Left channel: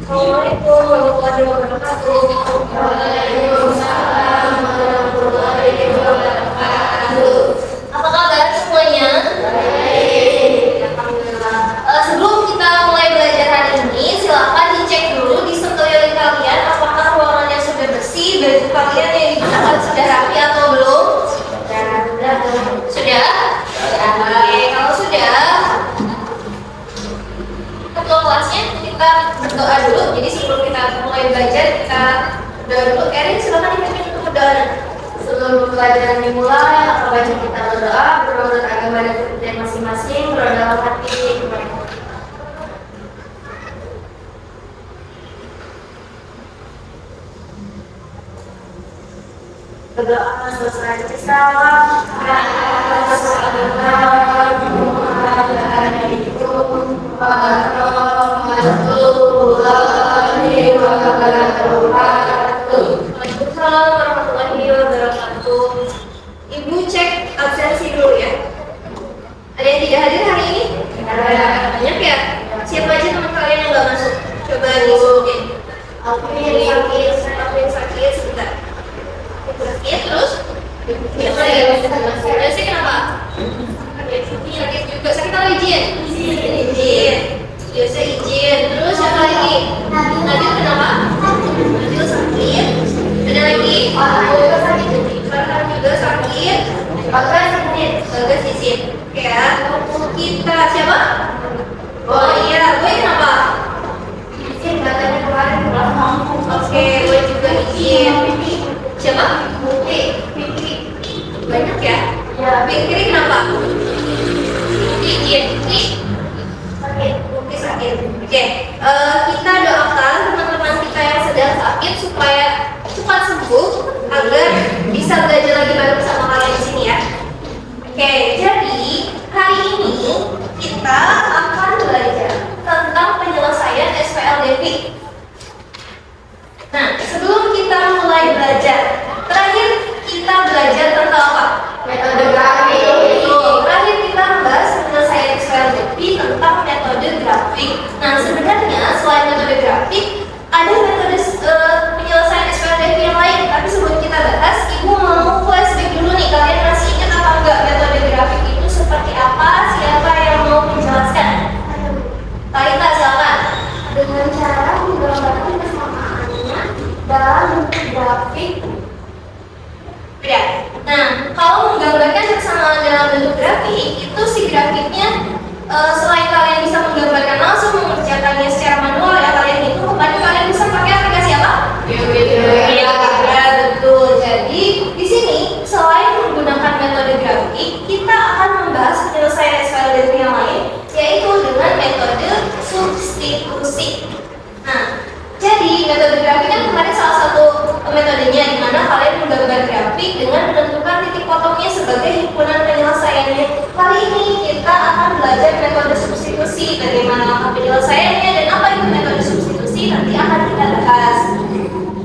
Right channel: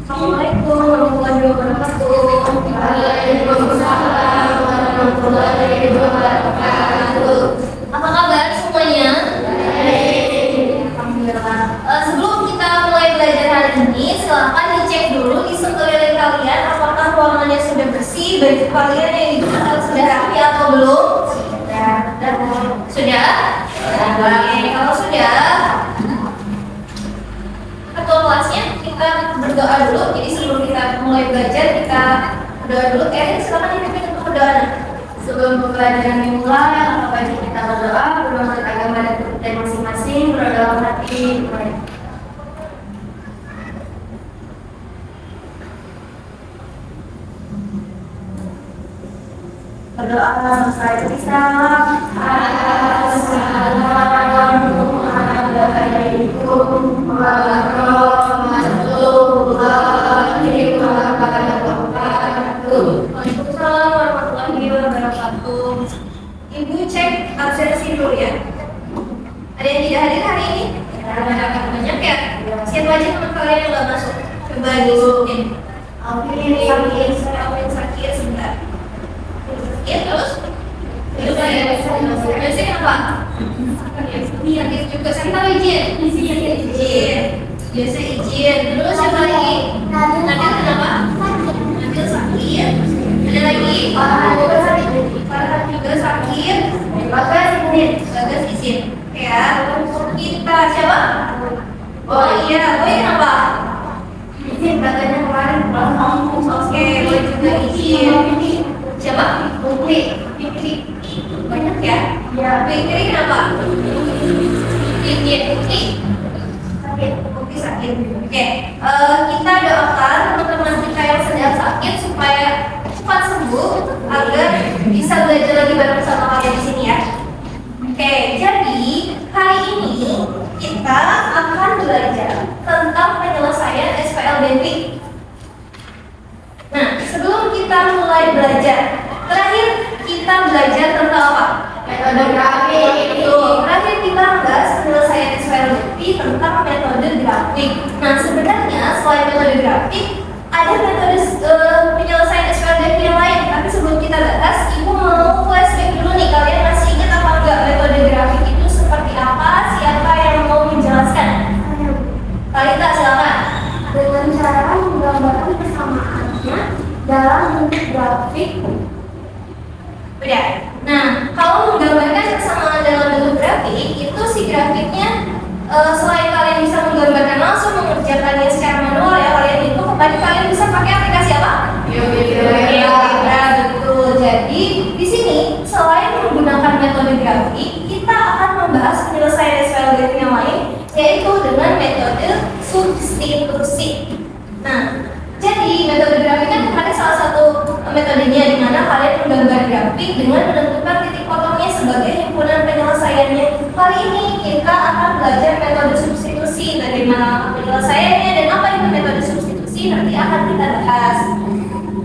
Assalamualaikum warahmatullahi wabarakatuh. Waalaikumsalam warahmatullahi wabarakatuh. Apa kabar semuanya? Baik. Alhamdulillah. Sebelum kita mulai belajar hari ini, silakan dicek dulu di sekeliling kalian apakah ruangannya sudah bersih, baju kalian yang digunakan sudah rapi atau belum? Sudah? Baik. Kalau sudah, ketua kelasnya kita berdoa dulu. Jadi sebelum kita mulai belajar, kita berdoa dulu. Erin, silakan dipimpin untuk berdoa. Sebelum pelajaran dimulai, apa wajib kita berdoa, menurut agama dan kepercayaan masing-masing, berdoa dalam hati. Berdoa selesai kita. Assalamualaikum warahmatullahi wabarakatuh. Waalaikumsalam warahmatullahi wabarakatuh. Ibu cek absensi dulu ya. Ada yang tidak hadir hari ini? Banyak ya? Siapa aja teman kalian yang nggak masuk? Coba disebutin. Alvin sakit sebentar. Sakit terus? Coba ya. Biasanya kenapa? Sakit juga. Sakit apa izin? Izin. Biasa izin. Terus siapa lagi? Nadir kenapa? Nadir sakit. Ada lagi? Farhan juga sakit. Bagas izin. Ya. Kita siapa? Oh iya, Boy kenapa? Izin katanya kemarin pulang kampung. Oke, Boy juga izin. Siapa? Fikri. Banyak ya? Ya. Fikri kenapa? Izin. Fikri sakit. Oke, kita doakan teman-teman kita yang sedang sakit supaya cepat sembuh agar bisa belajar lagi bareng sama kalian di sini ya. Oke, jadi hari ini kita akan belajar tentang penyelesaian SPLDP. Nah, sebelum kita mulai belajar, terakhir kita belajar tentang apa? Metode grafik. Terakhir kita bahas penyelesaian SPLDP tentang metode grafik. Nah, sebenarnya selain metode grafik, ada metode penyelesaian SPLDP yang lain. Tapi sebelum kita bahas, Ibu mau flashback dulu nih. Kalian masih ingat apa enggak metode grafik itu seperti apa? Siapa yang mau menjelaskan? Talita, silakan. Dengan cara menggambarkan kesamaannya dalam bentuk grafik. Udah. Nah, kalau menggambarkan kesamaan dalam bentuk grafik, itu si grafiknya selain kalian bisa menggambarkan langsung, mengerjakannya secara manual ya kalian itu, kalian bisa pakai aplikasi apa? Iya, betul. Jadi di sini selain menggunakan metode grafik, kita akan membahas penyelesaian SPLDP yang lain, yaitu dengan metode substitusi. Nah, jadi metode grafik kan kemarin salah satu metodenya di mana kalian menggambar grafik dengan menentukan titik potongnya sebagai himpunan penyelesaiannya. Kali ini kita akan belajar metode substitusi, bagaimana penyelesaiannya dan apa itu metode substitusi nanti akan kita bahas.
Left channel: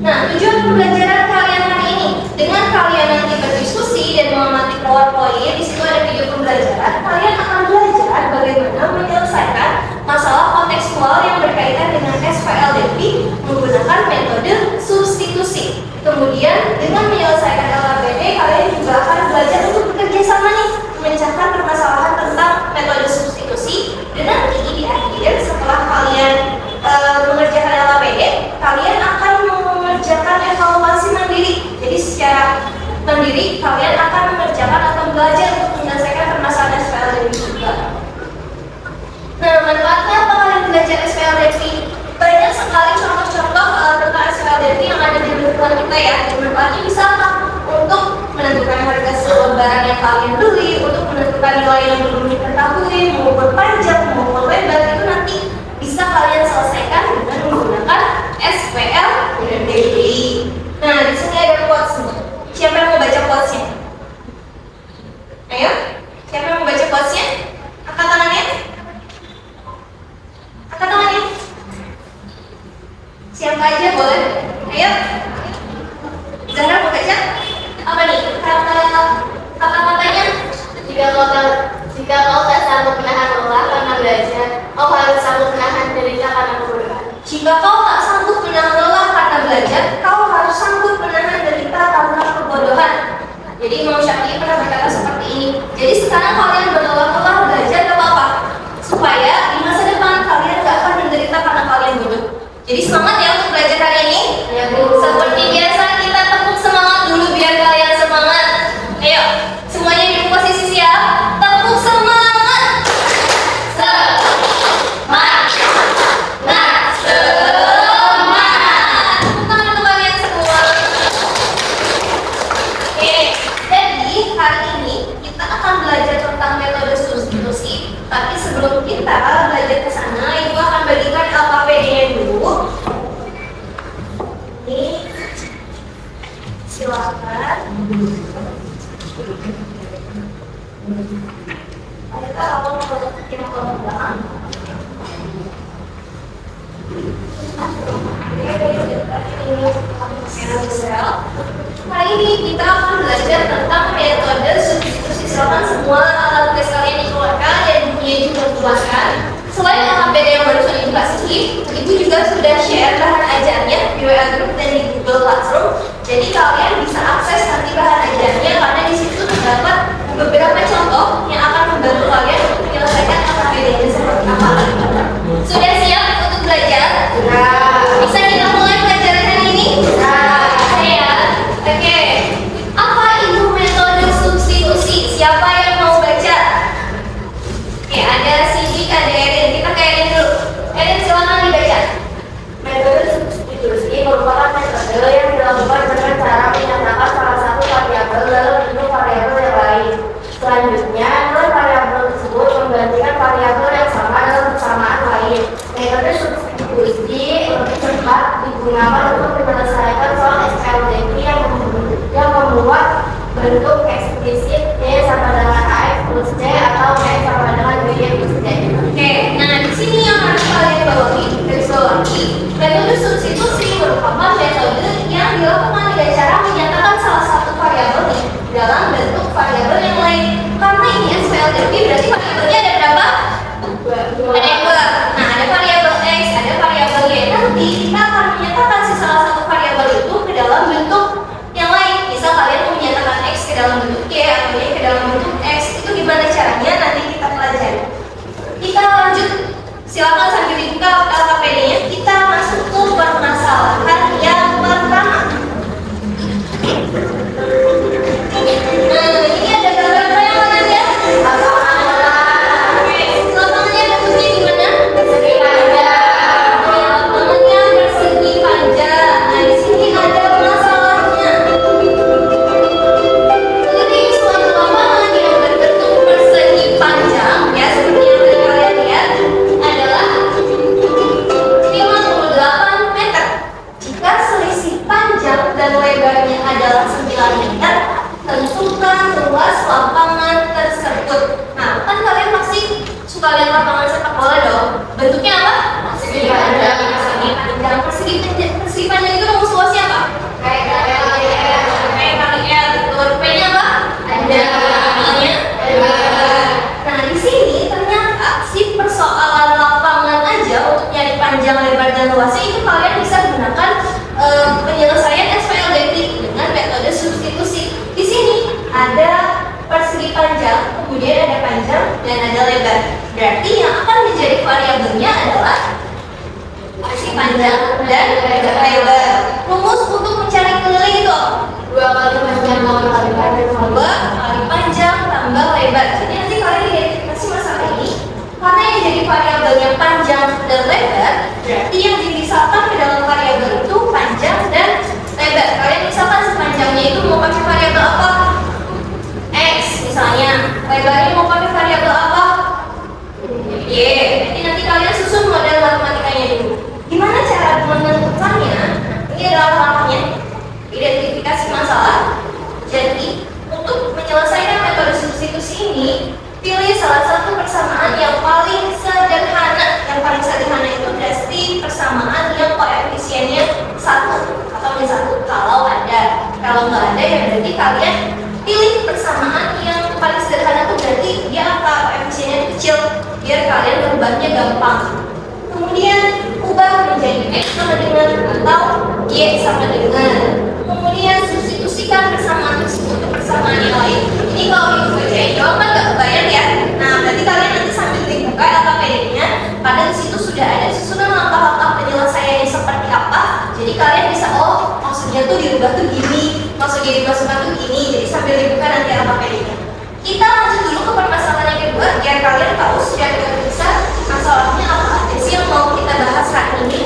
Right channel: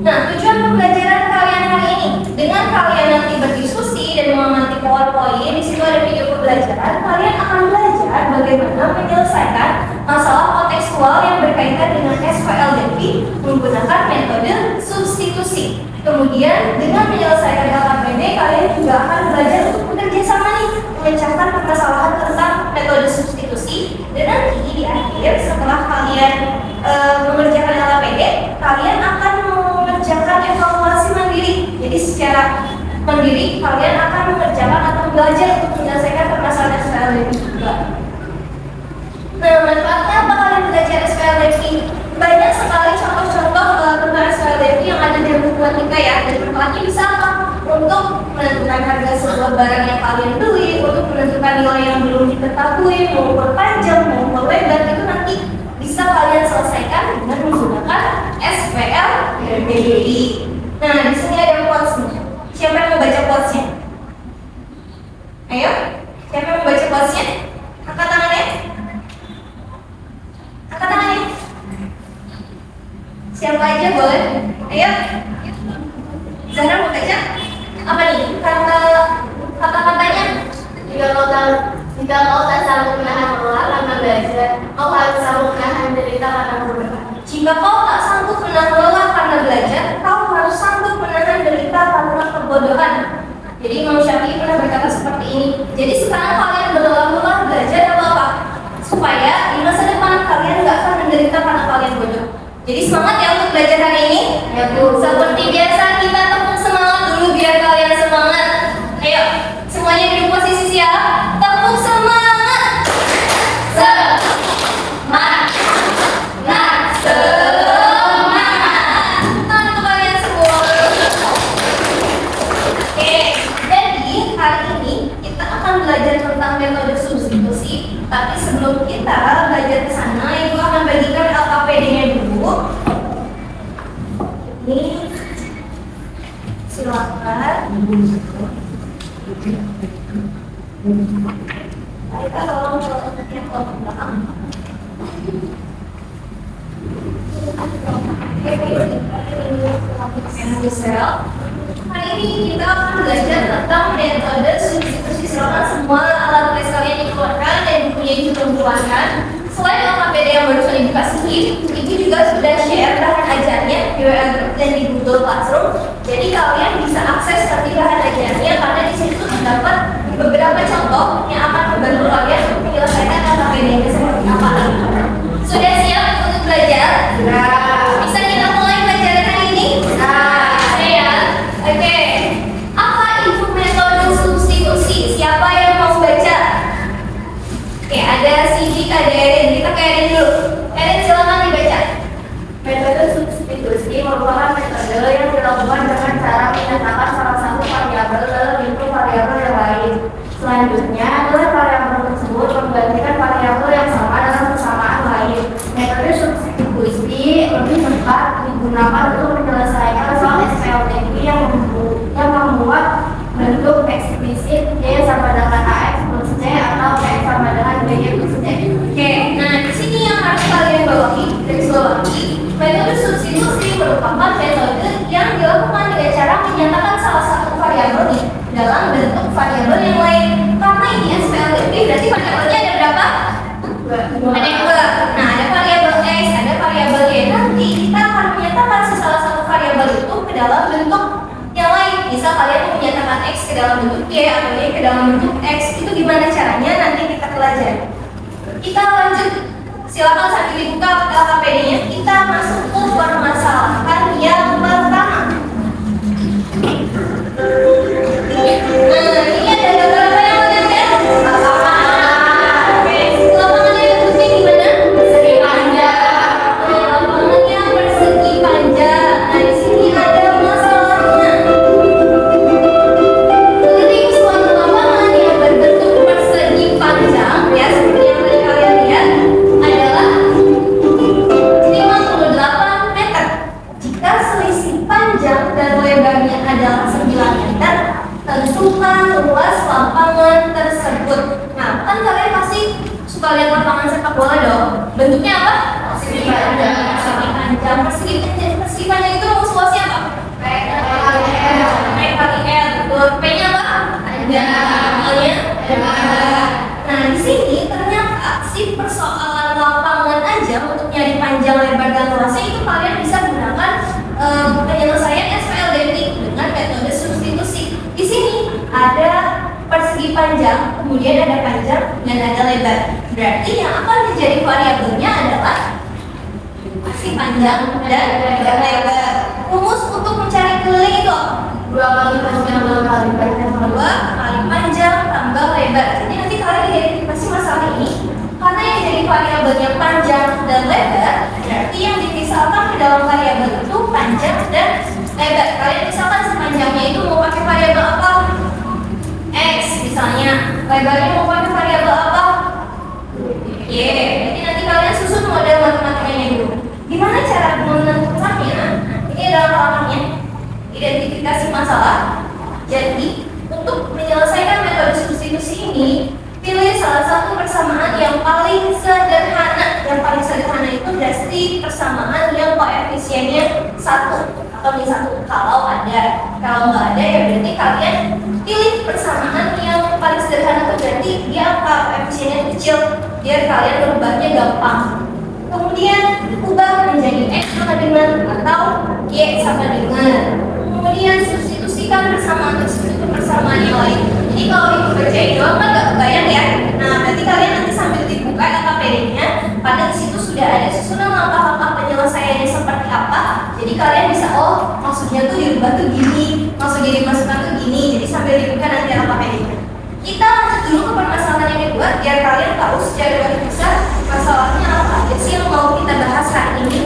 Nah, tujuan pembelajaran kalian hari ini dengan kalian nanti berdiskusi dan mengamati PowerPoint, di situ ada video pembelajaran. Kalian akan belajar bagaimana menyelesaikan masalah kontekstual yang berkaitan dengan SPLDP menggunakan metode substitusi. Kemudian dengan menyelesaikan LKPD, kalian juga akan belajar untuk bekerja sama nih, memecahkan permasalahan tentang metode substitusi. Dan nanti di akhir setelah kalian mengerjakan LKPD, kalian akan mengerjakan evaluasi mandiri. Jadi secara mandiri kalian akan mengerjakan atau belajar untuk menyelesaikan permasalahan SPLDP juga. Nah, manfaatnya apa kalian belajar SPLDP? Banyak sekali contoh-contoh tentang SPLDP yang ada di lingkungan kita ya. Dan manfaatnya bisa apa? Untuk menentukan harga sebuah barang yang kalian beli, untuk menentukan nilai yang belum diketahui, mengukur panjang, mengukur lebar, itu nanti bisa kalian selesaikan dengan menggunakan SPLDP. Nah, di sini ada quotes nih. Siapa yang mau baca quotesnya? Ayo, siapa yang mau baca quotesnya? Angkat tangannya. Angkat tangannya. Siapa aja boleh? Ayo. Zahra mau baca? Apa nih? Kata-katanya? Jika kau tak sanggup menahan lelah karena belajar, kau harus sanggup menahan derita karena kebodohan. Jika kau tak Jadi Imam Syafi'i pernah berkata seperti ini. Jadi sekarang kalian berlelah-lelah belajar apa? Supaya di masa depan kalian nggak akan menderita karena kalian bodoh. Jadi semangat ya untuk belajar hari ini. Ya, Bu. Seperti biasa kita tepuk semangat dulu biar kalian semangat. Ayo, semuanya di posisi siap. Tepuk semangat. Semangat. Bukan untuk kalian semua. Oke, jadi hari ini kita akan belajar tentang metode substitusi. Tapi sebelum kita belajar ke sana, Ibu akan bagikan LKPD-nya dulu. Ini silakan. Kita tolong yang ke belakang. Hari ini kita akan belajar tentang metode substitusi. Silakan semua alat tulis kalian dikeluarkan dan bukunya juga menjelaskan. Selain LKPD yang baru sudah dikasih, Ibu juga sudah share bahan ajarnya di WA Group dan di Google Classroom. Jadi kalian bisa akses nanti bahan ajarnya karena di situ terdapat beberapa contoh yang akan membantu kalian untuk menyelesaikan LKPD-nya seperti apa. Sudah siap untuk belajar? Bisa kita mulai pelajaran hari ini? Bisa ya? Oke. Apa itu metode substitusi? Siapa yang mau baca? Oke, ada Sidik, ada Erin. Kita ke Erin dulu. Erin, silakan dibaca. Metode substitusi merupakan metode yang dilakukan dengan cara menyatakan salah satu variabel dalam bentuk variabel yang lain. Selanjutnya, nilai variabel tersebut menggantikan variabel yang sama dalam persamaan lain. Metode substitusi lebih cepat digunakan untuk menyelesaikan soal SPLDQ yang membuat bentuk eksplisit Y sama dengan AX plus C atau X sama dengan BY plus C. Oke, nah di sini yang harus kalian bawahi, garis bawahi, metode substitusi merupakan metode yang dilakukan dengan cara menyatakan salah satu variabel dalam bentuk variabel yang lain. Karena ini SPLDQ berarti variabelnya ada berapa? Ada dua. Nah, ada variabel X, ada variabel Y. Nanti kita akan menyatakan si salah satu variabel itu ke dalam bentuk yang lain. Misal kalian mau menyatakan X ke dalam bentuk Y atau Y ke dalam bentuk X, itu gimana caranya nanti kita pelajari. Kita lanjut, silakan sambil dibuka LKPD-nya. Kita masuk ke permasalahan yang pertama. Nah, ini ada gambarnya yang mana ya? Lapangannya bentuknya gimana? Persegi panjang. Lapangannya persegi panjang. Nah, di sini ada masalahnya. Ketik suatu lapangan yang berbentuk persegi panjang, ya seperti yang tadi kalian lihat, adalah 58 meter. Jika selisih panjang dan lebarnya adalah 9 meter, tentukan luas lapangan tersebut. Nah, kan kalian pasti suka lihat lapangan sepak bola dong. Bentuknya apa? Persegi panjang. Persegi panjang. Persegi panjang itu rumus luasnya apa? P kali L. Betul. P-nya apa? Panjang. Nah, di sini ternyata si persoalan lapangan aja untuk nyari panjang, lebar, dan luasnya ini kalian bisa gunakan penyelesaian SPLDQ dengan metode substitusi. Di sini ada persegi panjang, kemudian ada panjang dan ada lebar. Berarti yang akan menjadi variabelnya adalah persegi panjang dan lebar. Rumus untuk mencari keliling itu 2 kali panjang tambah lebar dan 2 kali panjang tambah lebar. Jadi nanti kalian identifikasi masalah ini karena yang jadi variabelnya panjang dan lebar, berarti yang dipisahkan ke dalam variabel itu panjang dan lebar. Kalian misalkan sepanjangnya itu mau pakai variabel apa? X misalnya. Lebarnya mau pakai variabel apa? Y. Berarti nanti kalian susun model matematikanya dulu. Gimana cara menentukannya? Ini adalah langkahnya. Identifikasi masalah. Jadi, untuk menyelesaikan metode substitusi ini, pilih salah satu persamaan yang paling sederhana. Yang paling sederhana itu berarti persamaan yang koefisiennya 1 atau min 1 kalau ada. Kalau nggak ada ya berarti kalian pilih persamaan yang paling sederhana itu berarti dia koefisiennya kecil biar kalian merubahnya gampang. Kemudian ubah menjadi X sama dengan atau Y sama dengan. Kemudian substitusikan persamaan tersebut ke persamaan persamaan yang lain. Jadi kalau ibu bacain doang kan nggak kebayang ya. Nah berarti kalian nanti sambil dibuka LKPD-nya, pada di situ sudah ada susunan langkah-langkah penyelesaiannya seperti apa. Jadi kalian bisa maksudnya tuh dirubah tuh gini, maksudnya dimasukkan tuh gini. Jadi sambil dibuka nanti LKPD-nya. Kita lanjut dulu ke permasalahan yang kedua, biar kalian tahu secara garis besar masalahnya apa aja sih yang mau kita bahas hari ini.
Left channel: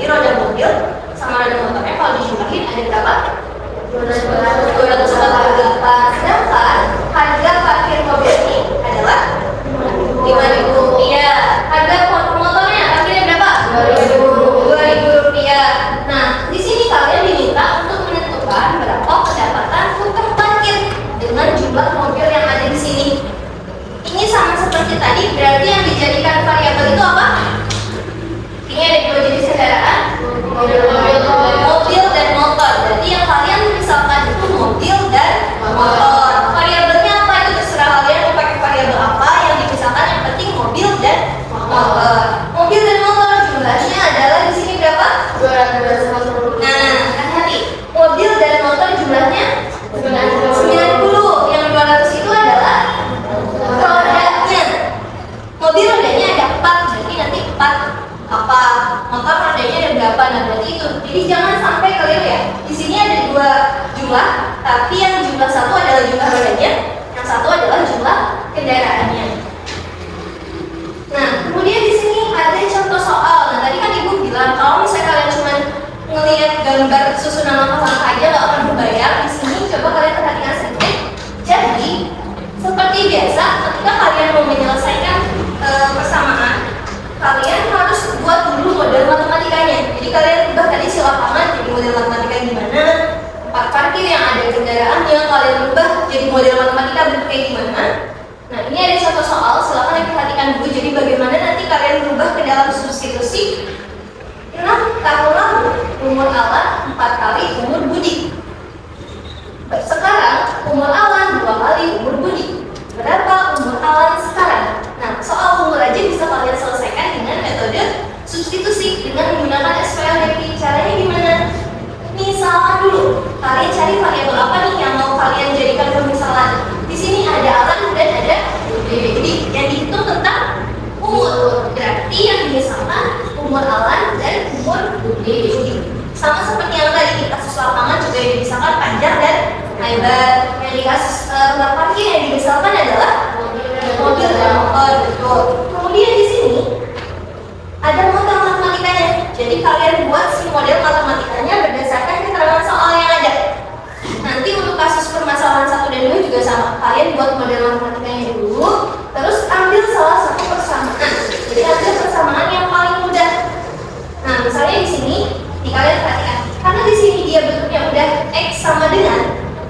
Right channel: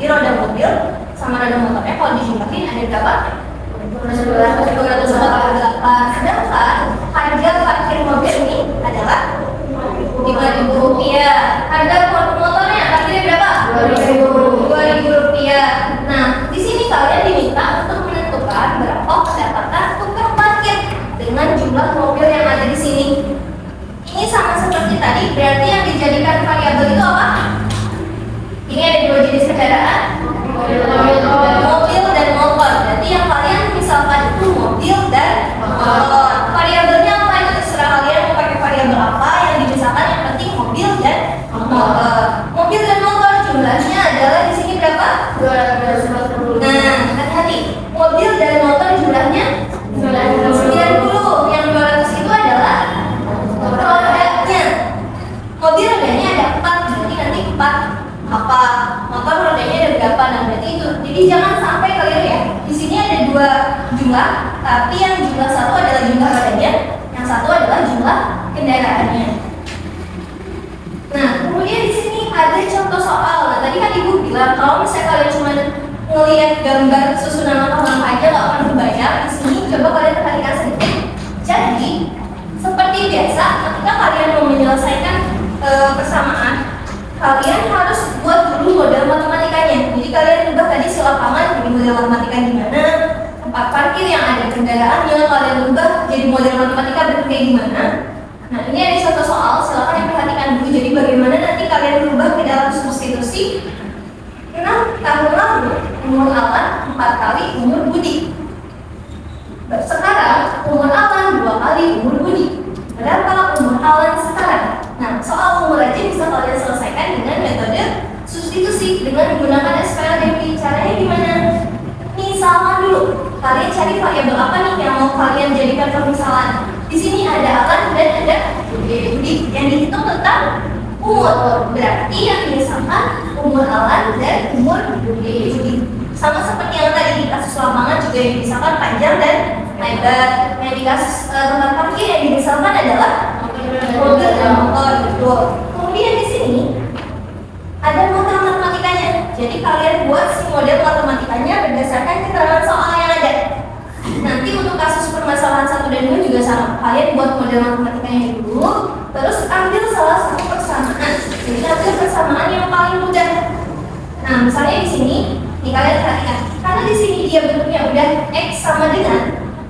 Jadi roda mobil sama roda motornya kalau dijumlahin ada berapa? 248. Sedangkan harga parkir mobil ini adalah 5.000 rupiah. Harga motornya parkirnya berapa? 2.000 rupiah. Nah, di sini kalian diminta untuk menentukan berapa pendapatan tukang parkir dengan jumlah mobil yang ada di sini. Ini sama seperti tadi, berarti yang dijadikan variabel itu apa? Ini ada dua jenis kendaraan, mobil dan motor. Jadi yang kalian misalkan itu mobil dan motor. Variabelnya apa itu terserah kalian mau pakai variabel apa. Yang dipisahkan yang penting mobil dan motor. Mobil dan motor jumlahnya adalah di sini berapa? 250. Nah, hati-hati. Mobil dan motor jumlahnya 90. Yang 200 itu adalah rodanya. Mobil rodanya ada 4, jadi nanti 4. Apa motor rodanya ada berapa? Nah berarti itu. Jadi jangan sampai kalian ya. Di sini ada dua jumlah, tapi yang jumlah satu adalah jumlah rodanya, yang satu adalah jumlah kendaraannya. Nah kemudian di sini ada contoh soal. Nah tadi kan ibu bilang kalau misalnya kalian cuma ngelihat gambar susunan langkah-langkah aja nggak akan membayar. Di sini coba kalian perhatikan sedikit. Jadi seperti biasa, ketika kalian mau menyelesaikan persamaan, kalian harus buat dulu model matematikanya. Jadi kalian ubah tadi si lapangan jadi model matematika gimana, tempat parkir yang ada kendaraannya kalian ubah jadi model matematika bentuk kayak gimana. Nah ini ada contoh soal, silakan diperhatikan dulu. Jadi bagaimana nanti kalian berubah ke dalam substitusi 6 tahun lalu umur Alan 4 kali umur Budi. Sekarang umur Alan 2 kali umur Budi. Berapa umur Alan sekarang? Nah, soal umur aja bisa kalian selesaikan dengan metode substitusi dengan menggunakan SPLDP. Caranya gimana? Misalkan dulu, kalian cari variabel apa nih yang mau kalian jadikan permisalan. Di sini ada Alan dan ada Budi. Jadi yang dihitung tentang umur. Berarti yang dimisalkan umur Alan dan umur Budi. Sama seperti yang tadi di kasus lapangan juga yang dimisalkan panjang dan lebar. Yang di kasus tempat parkir yang dimisalkan adalah mobil dan motor, betul. Kemudian di sini ada model matematikanya. Jadi kalian buat si model matematikanya berdasarkan keterangan soal yang ada. Nanti untuk kasus permasalahan 1 dan 2 juga sama. Kalian buat model matematikanya dulu, terus ambil salah satu persamaan. Jadi ambil persamaan yang paling mudah. Nah, misalnya di sini, nih kalian perhatikan. Karena di sini dia bentuknya udah x sama dengan,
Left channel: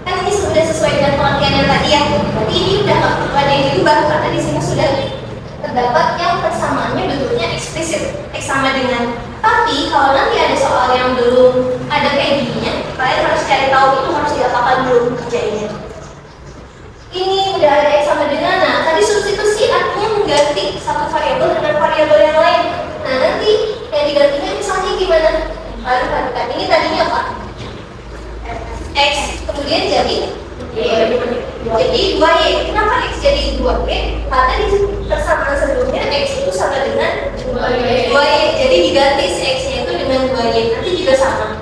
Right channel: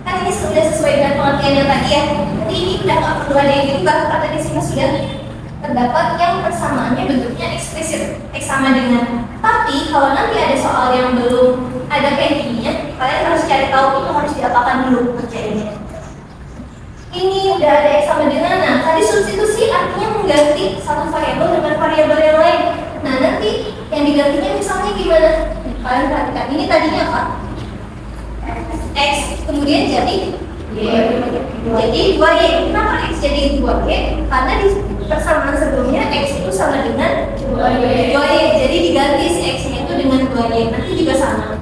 kan ini sudah sesuai dengan pengertian yang tadi ya. Berarti ini udah nggak perlu ada yang diubah karena di sini sudah terdapat yang persamaannya bentuknya eksplisit, x sama dengan. Tapi kalau nanti ada soal yang belum ada kayak gininya, kalian harus cari tahu itu harus diapakan dulu kerjanya. Ini udah ada x sama dengan. Nah, tadi substitusi artinya mengganti satu variabel dengan variabel yang lain. Nah, nanti yang digantinya misalnya gimana? Kalian perhatikan, ini tadinya apa? X, kemudian jadi jadi 2y. Kenapa x jadi 2y? Karena di persamaan sebelumnya x itu sama dengan 2y. Jadi diganti si x-nya itu dengan 2y. Nanti juga sama.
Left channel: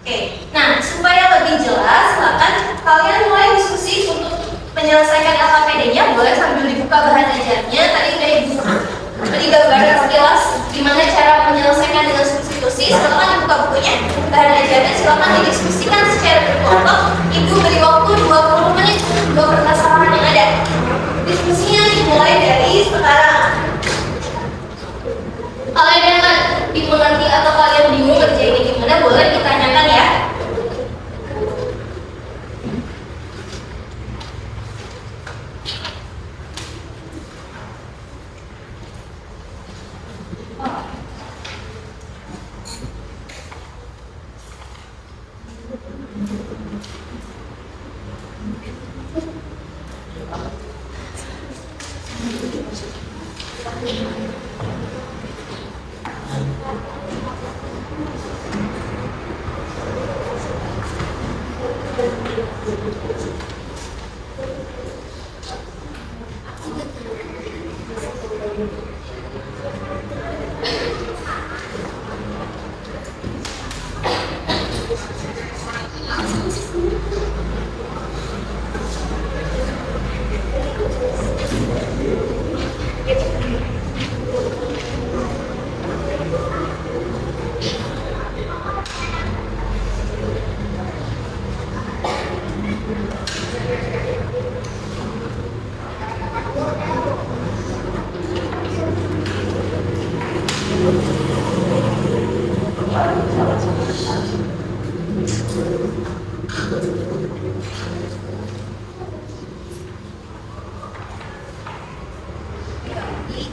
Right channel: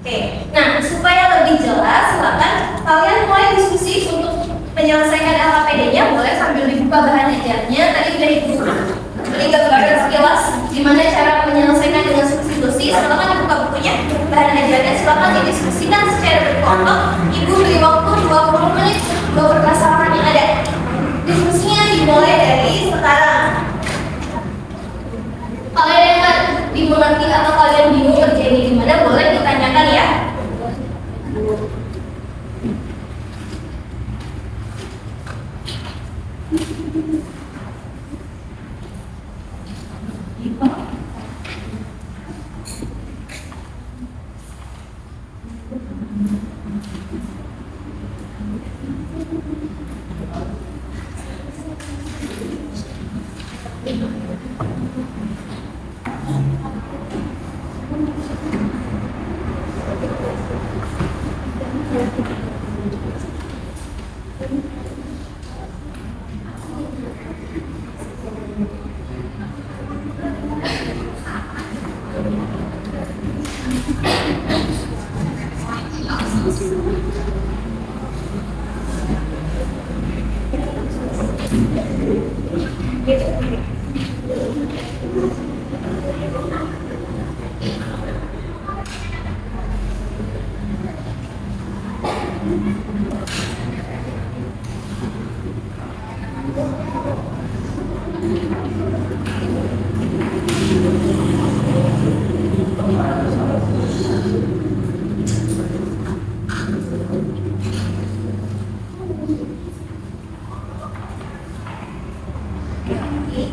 Oke. Nah, supaya lebih jelas, silakan kalian mulai diskusi untuk menyelesaikan LKPD-nya. Boleh sambil dibuka bahan ajarnya. Tadi udah ibu digambarkan sekilas gimana cara menyelesaikan dengan substitusi. Silakan dibuka bukunya, bahan ajarnya. Silakan didiskusikan secara berkelompok. Ibu beri waktu 20 menit untuk permasalahan yang ada. Diskusinya dimulai dari sekarang.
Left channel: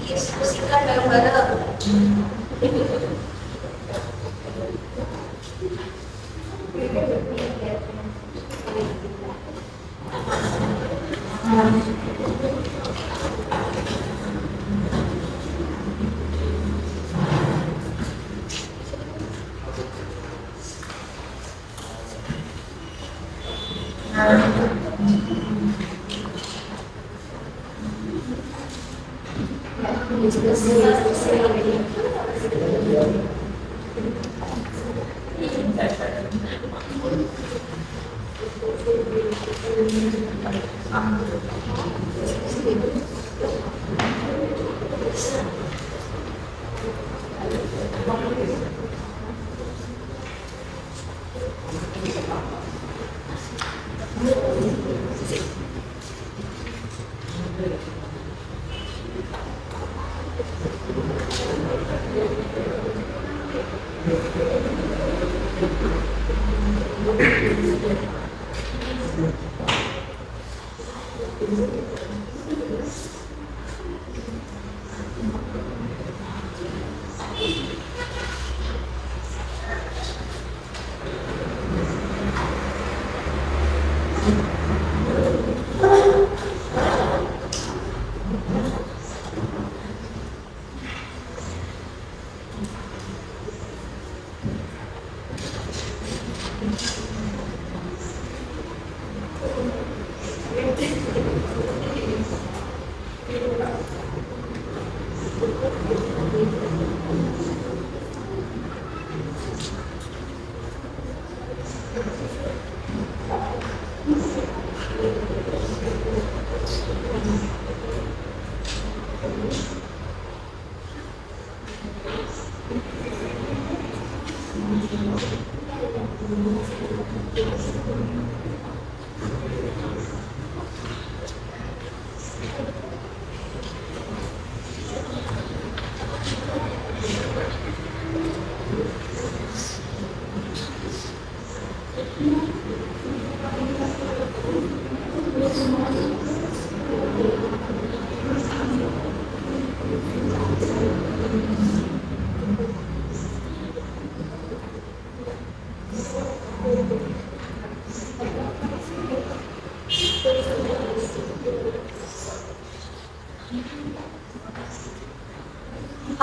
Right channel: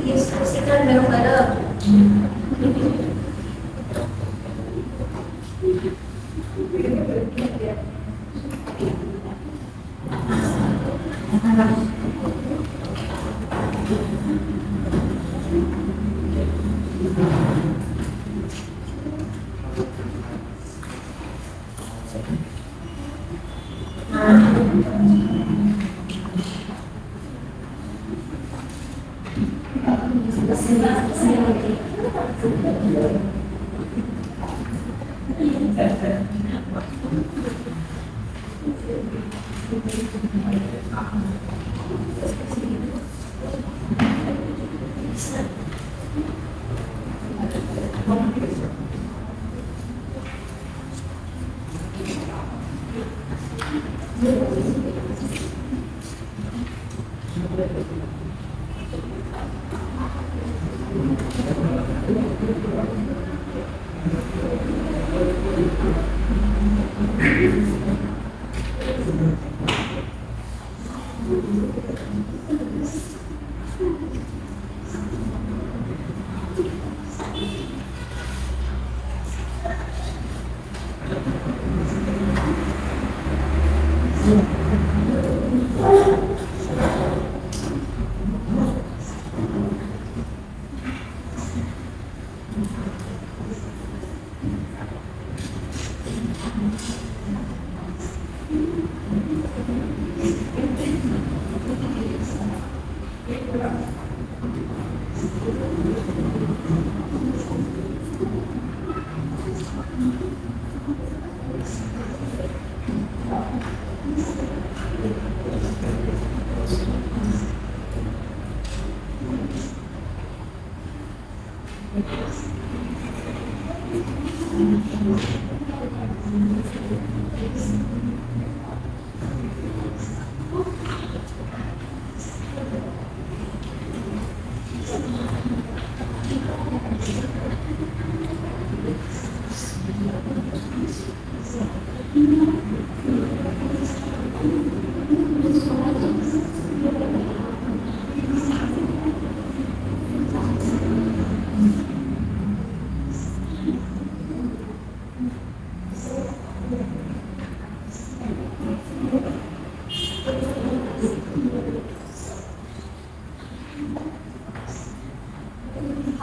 Diinstruksikan daripada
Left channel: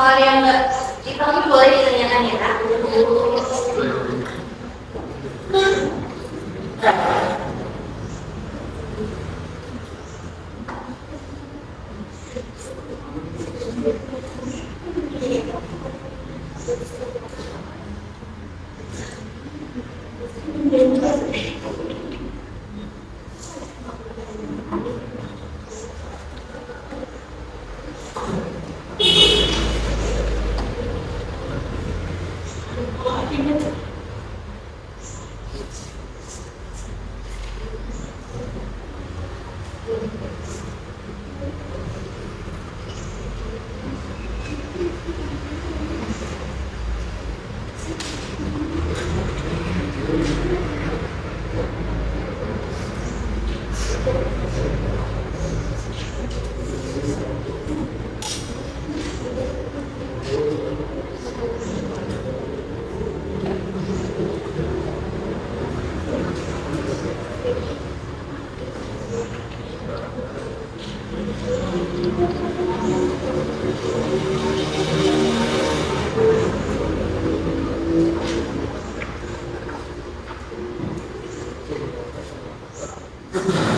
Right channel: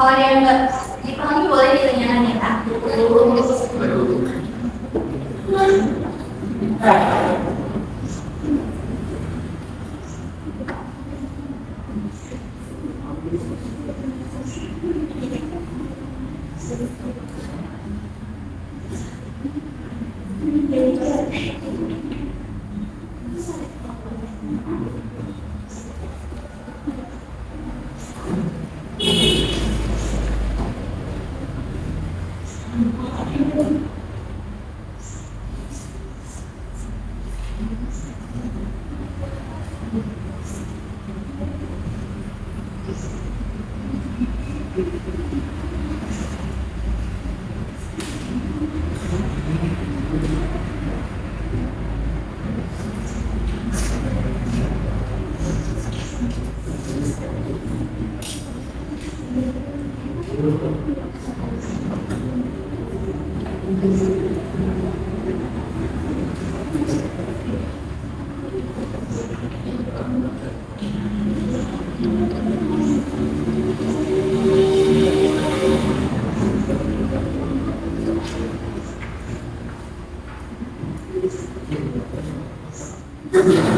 hal yang enggak dipahami boleh ditanyakan ya Kak. Bisa?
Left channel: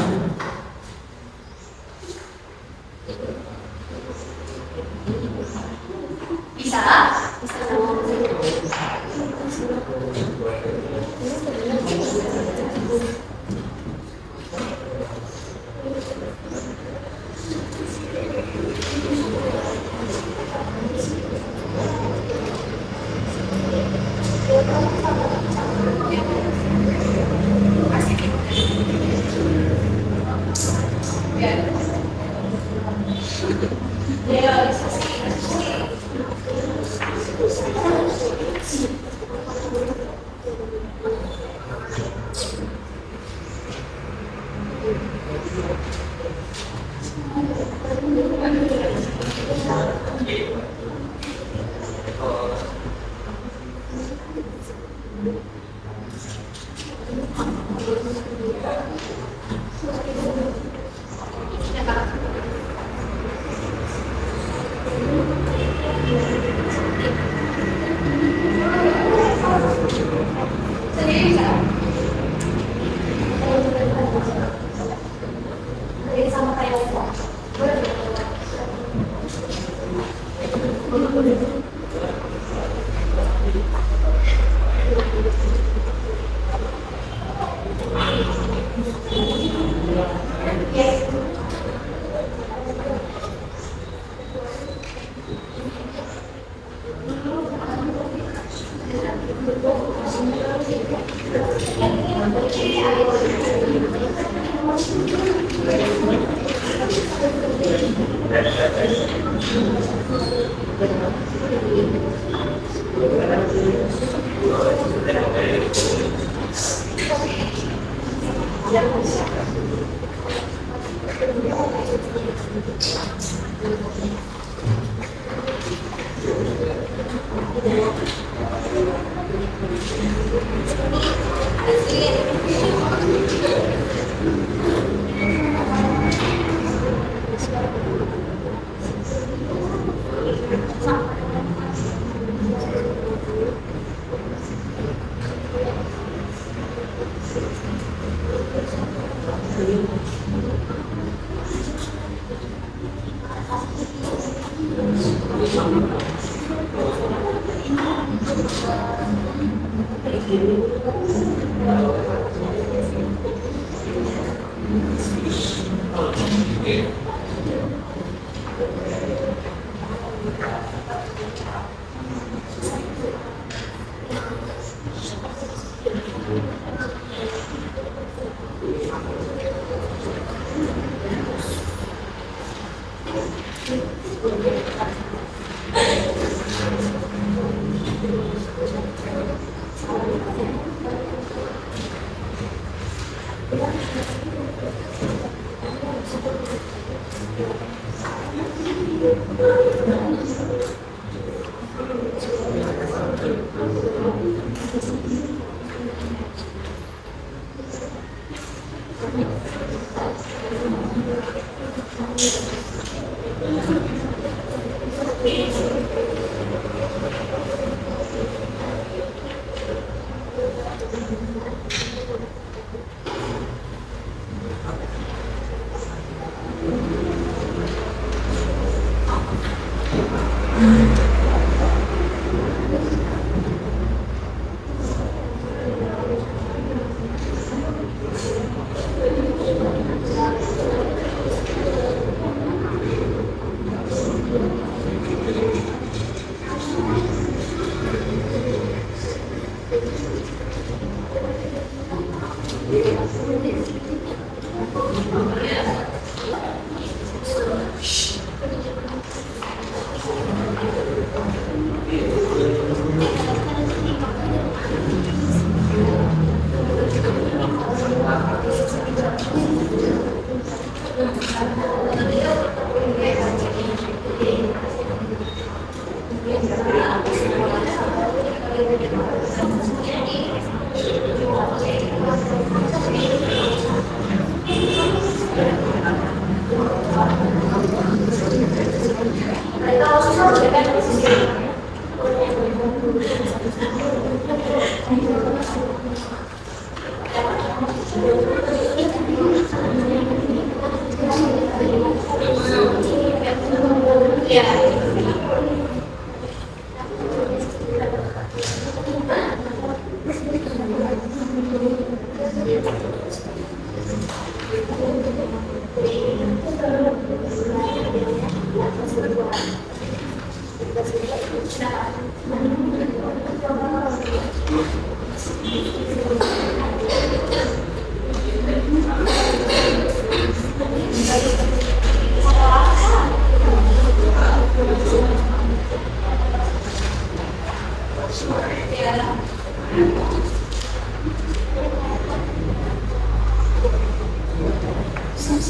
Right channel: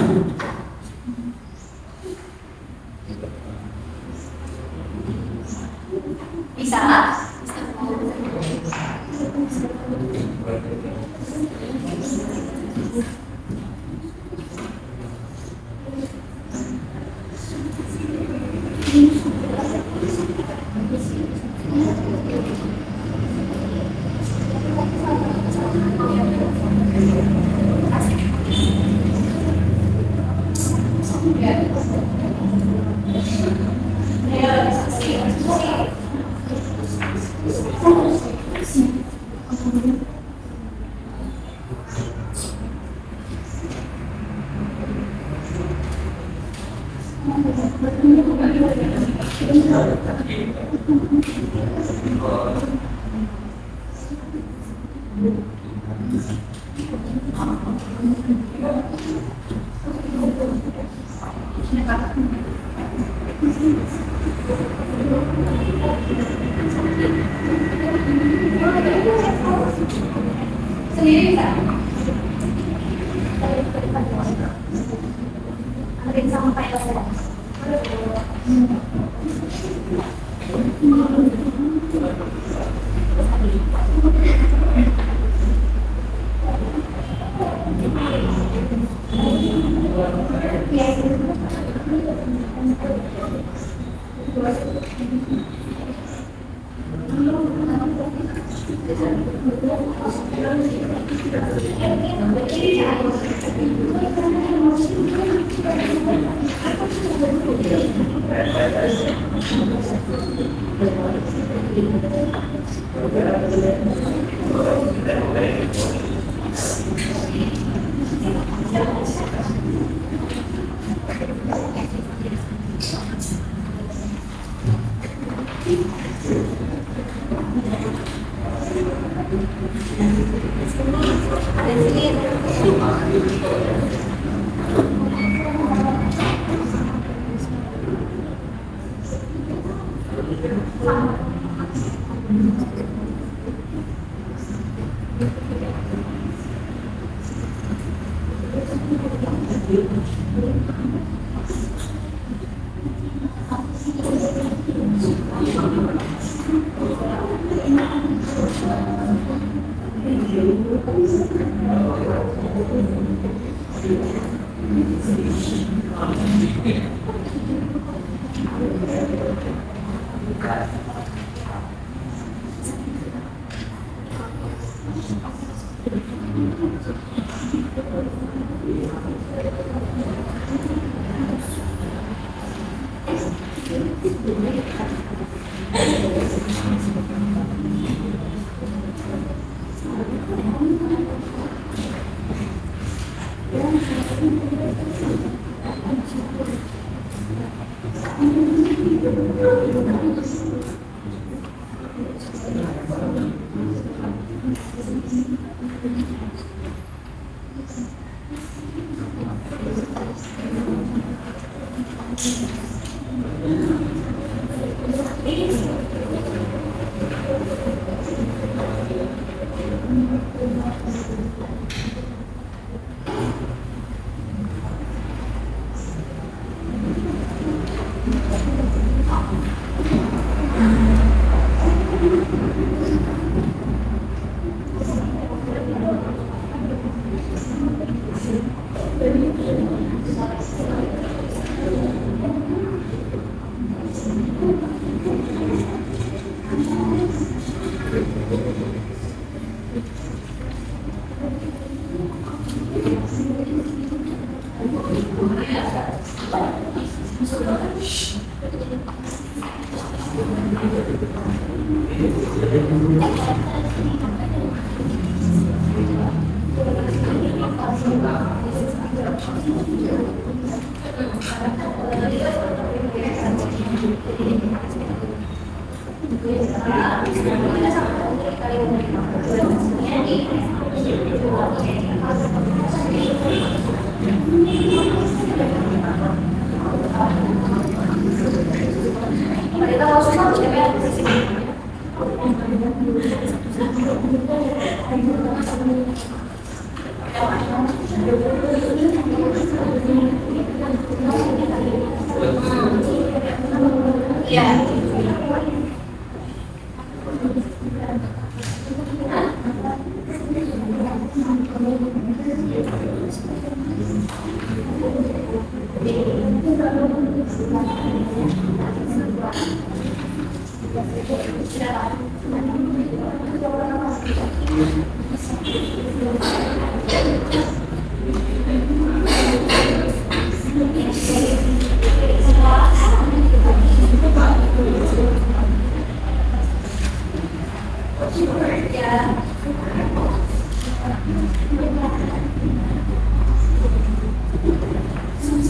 Sendiri bisa? Ada sama kayak apa?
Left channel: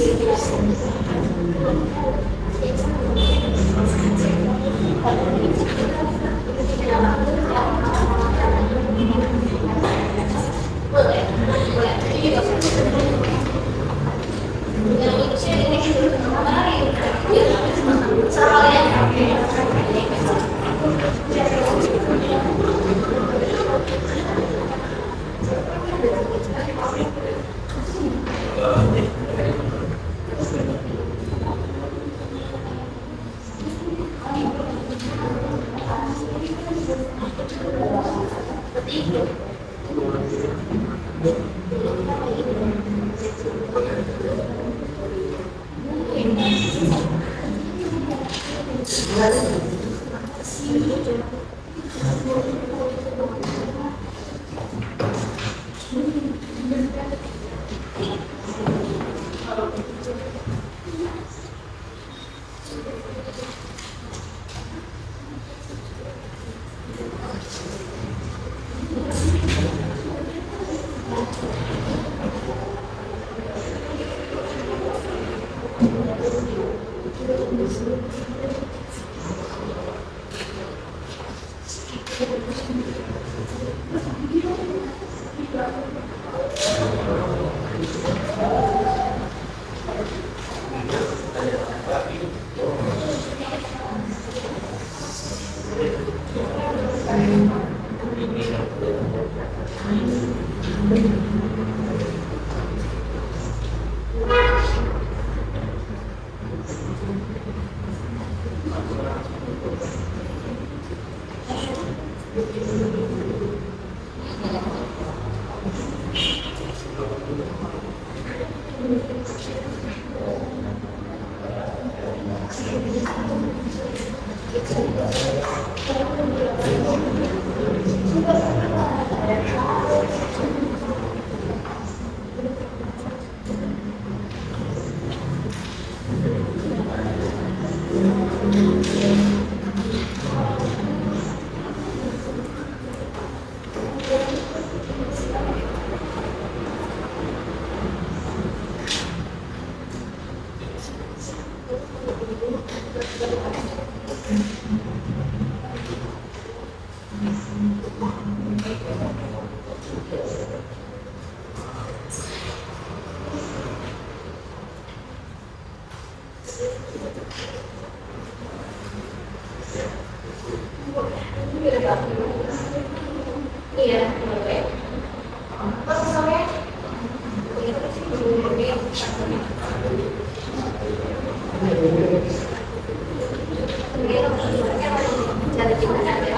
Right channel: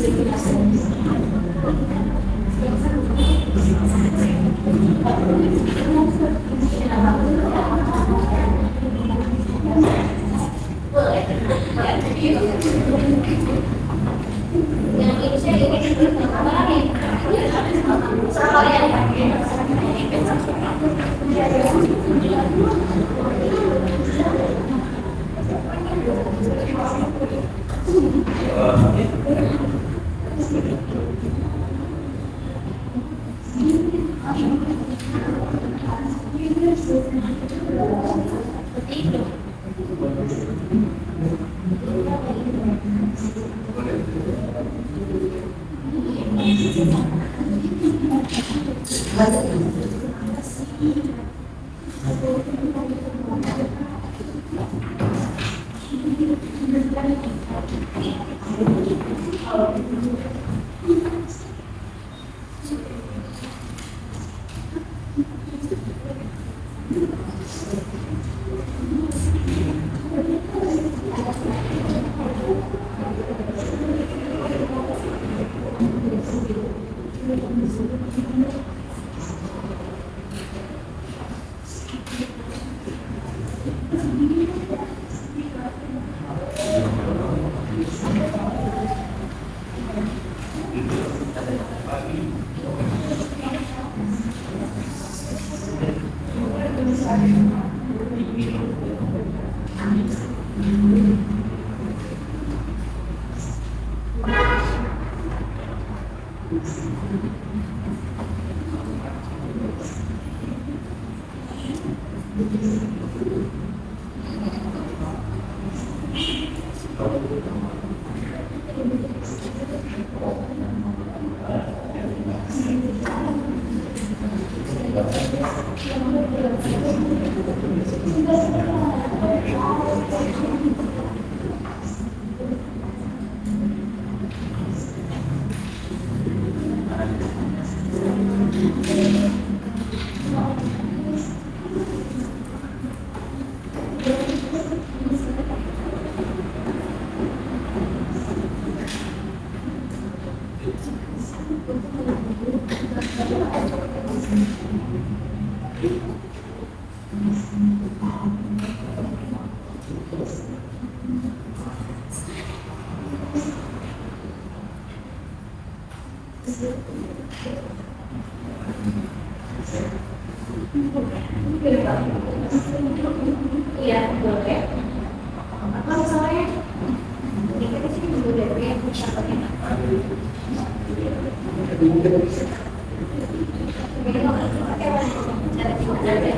Boleh, boleh. Yang Indonesia ini mari. Serah kalian. Seperti itu. Iya, boleh. Apa masalahnya? Cara gimana aja?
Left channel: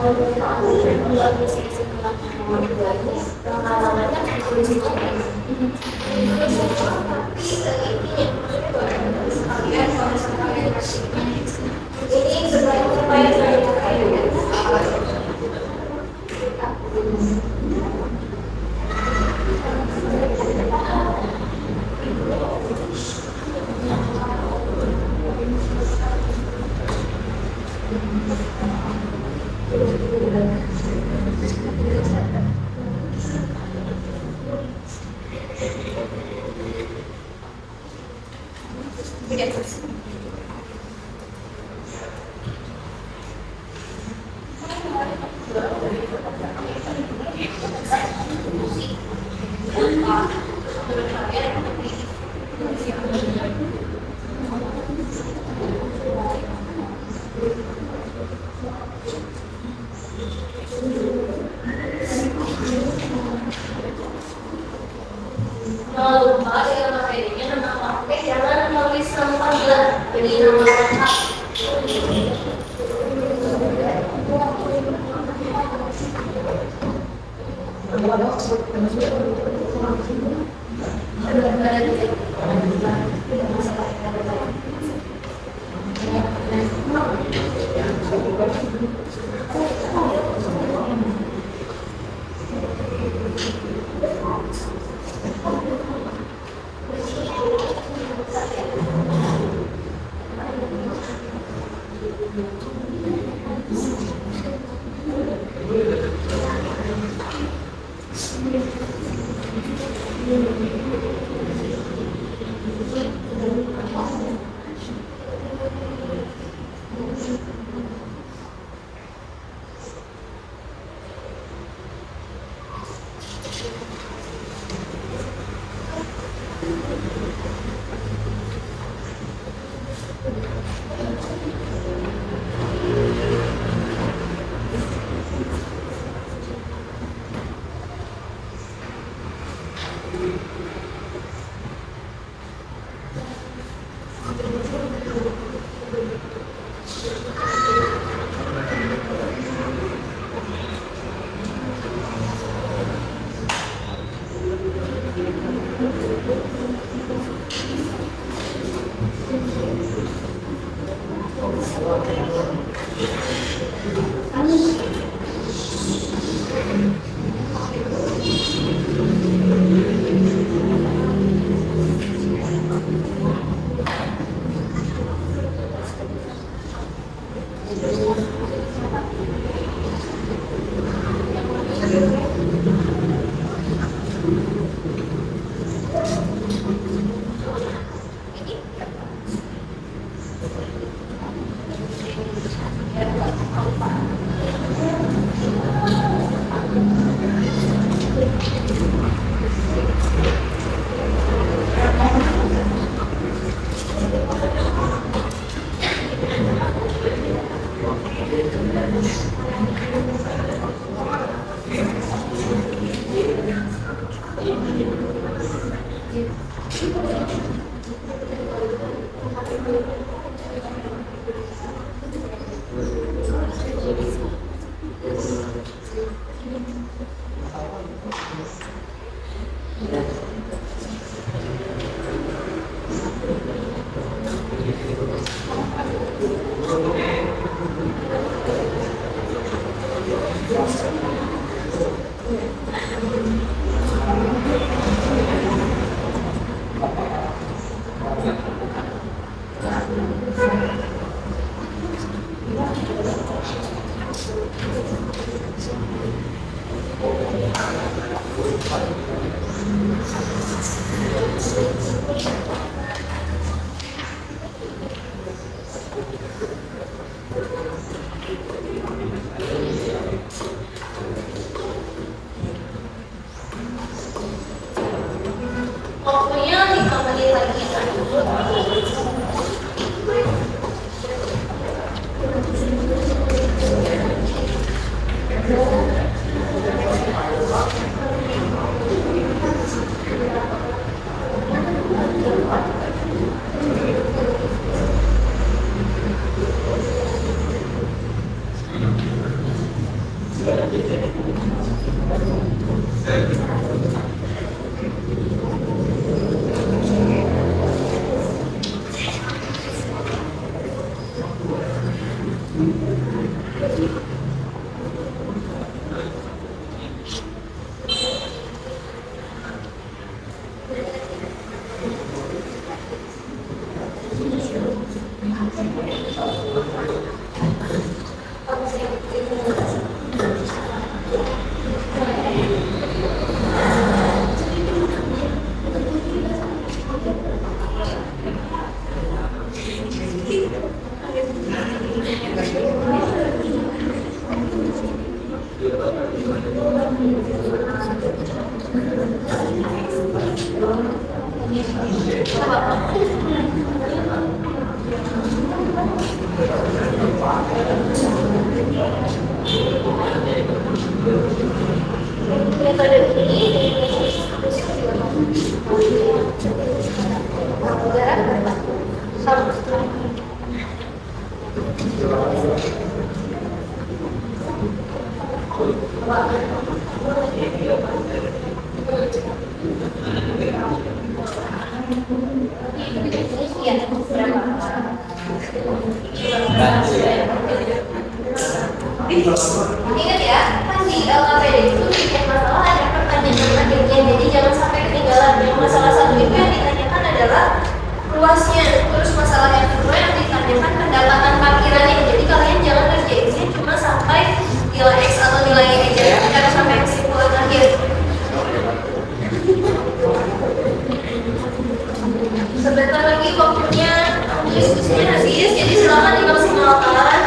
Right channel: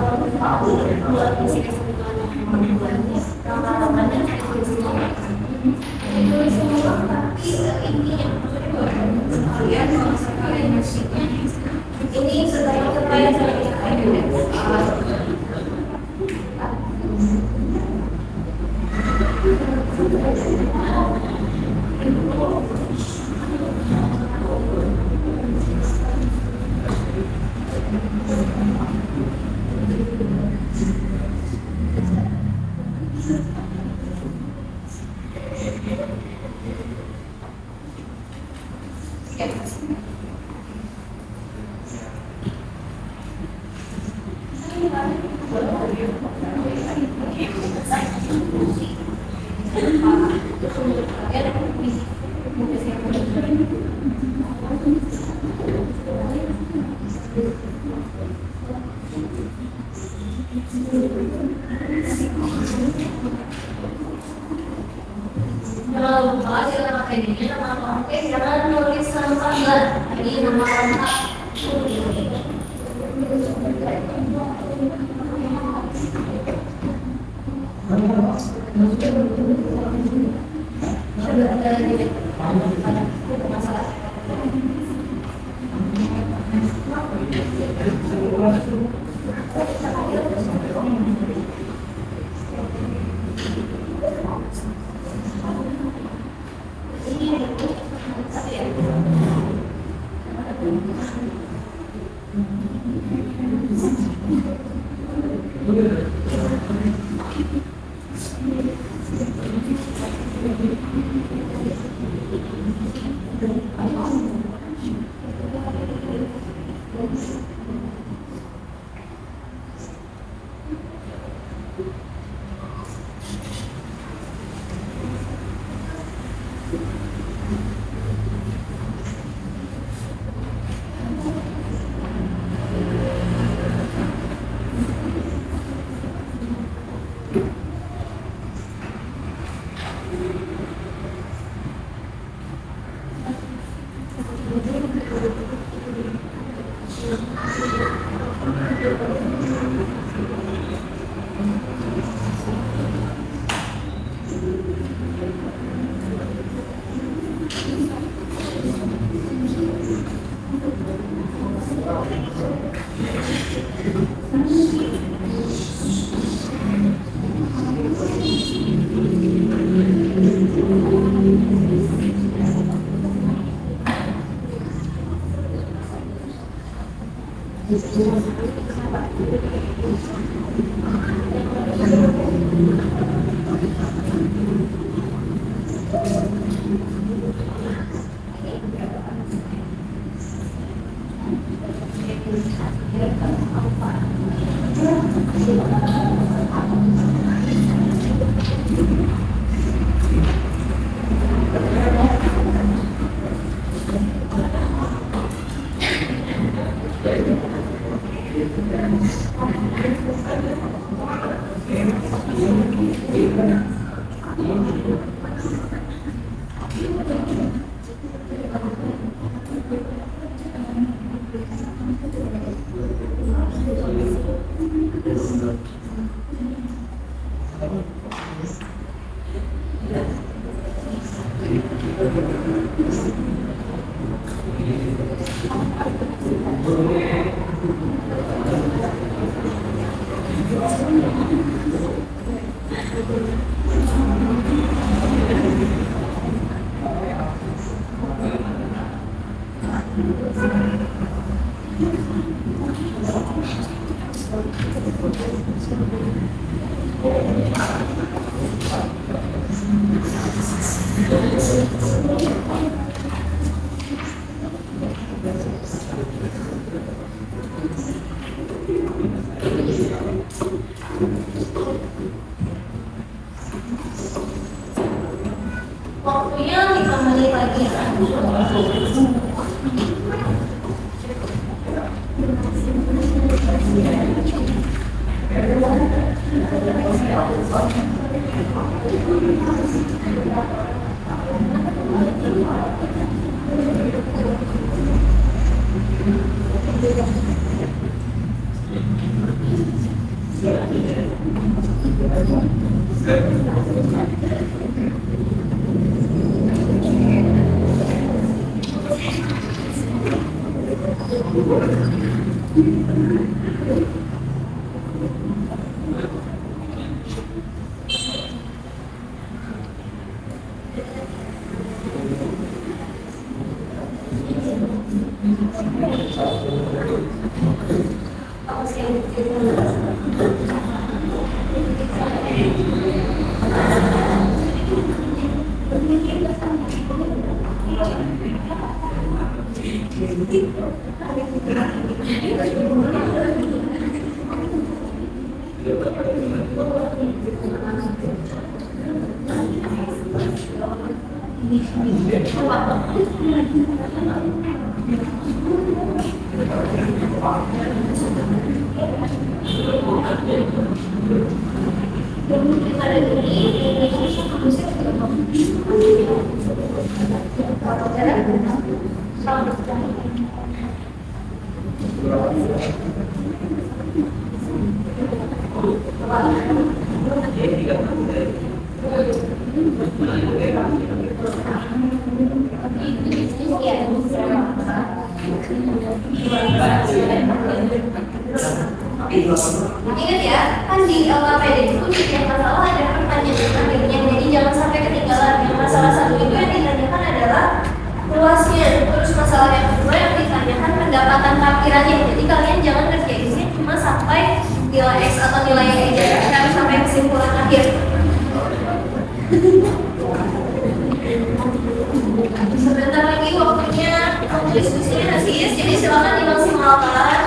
buat isi kesimpulan yang lagi lama-lamanya ditulis itu ditulis semua tapi ini yang maksudnya baru sekalian kalau sekalian musiknya ini sedang terkait jangan lupa jangan pakai ini nama oke jangan nulis nama panggilan jadi nama lengkap pokoknya 5 menit lagi kan? Ingat ya, kan di LKPD itu setiap masalah ada pertanyaan-pertanyaannya, jadi jangan sampai ketinggalan. Yang masalah satu itu yang ditanyakan adalah luasnya, terus masalah yang kedua yang ditanyakan pendapatan parkirannya. Jadi kalian jangan ngerjainnya cuma sampai nilai X atau nilai Y aja, tapi sampai kesimpulan akhir. Sebentar lagi waktunya diskusinya habis, jadi silakan dimaksimalkan.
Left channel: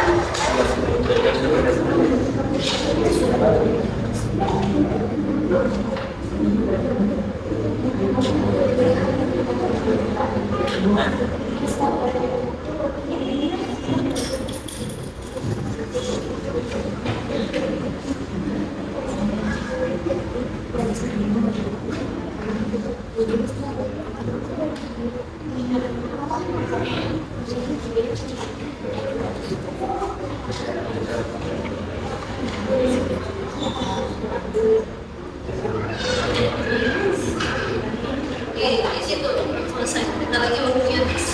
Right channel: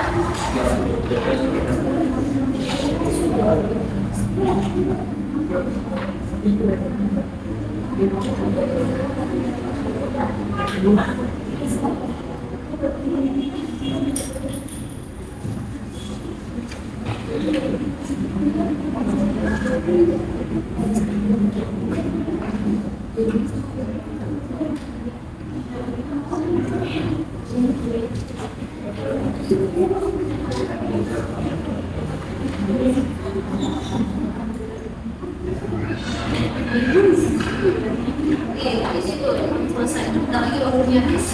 Di situ selesai. Kita lagi waktunya habis.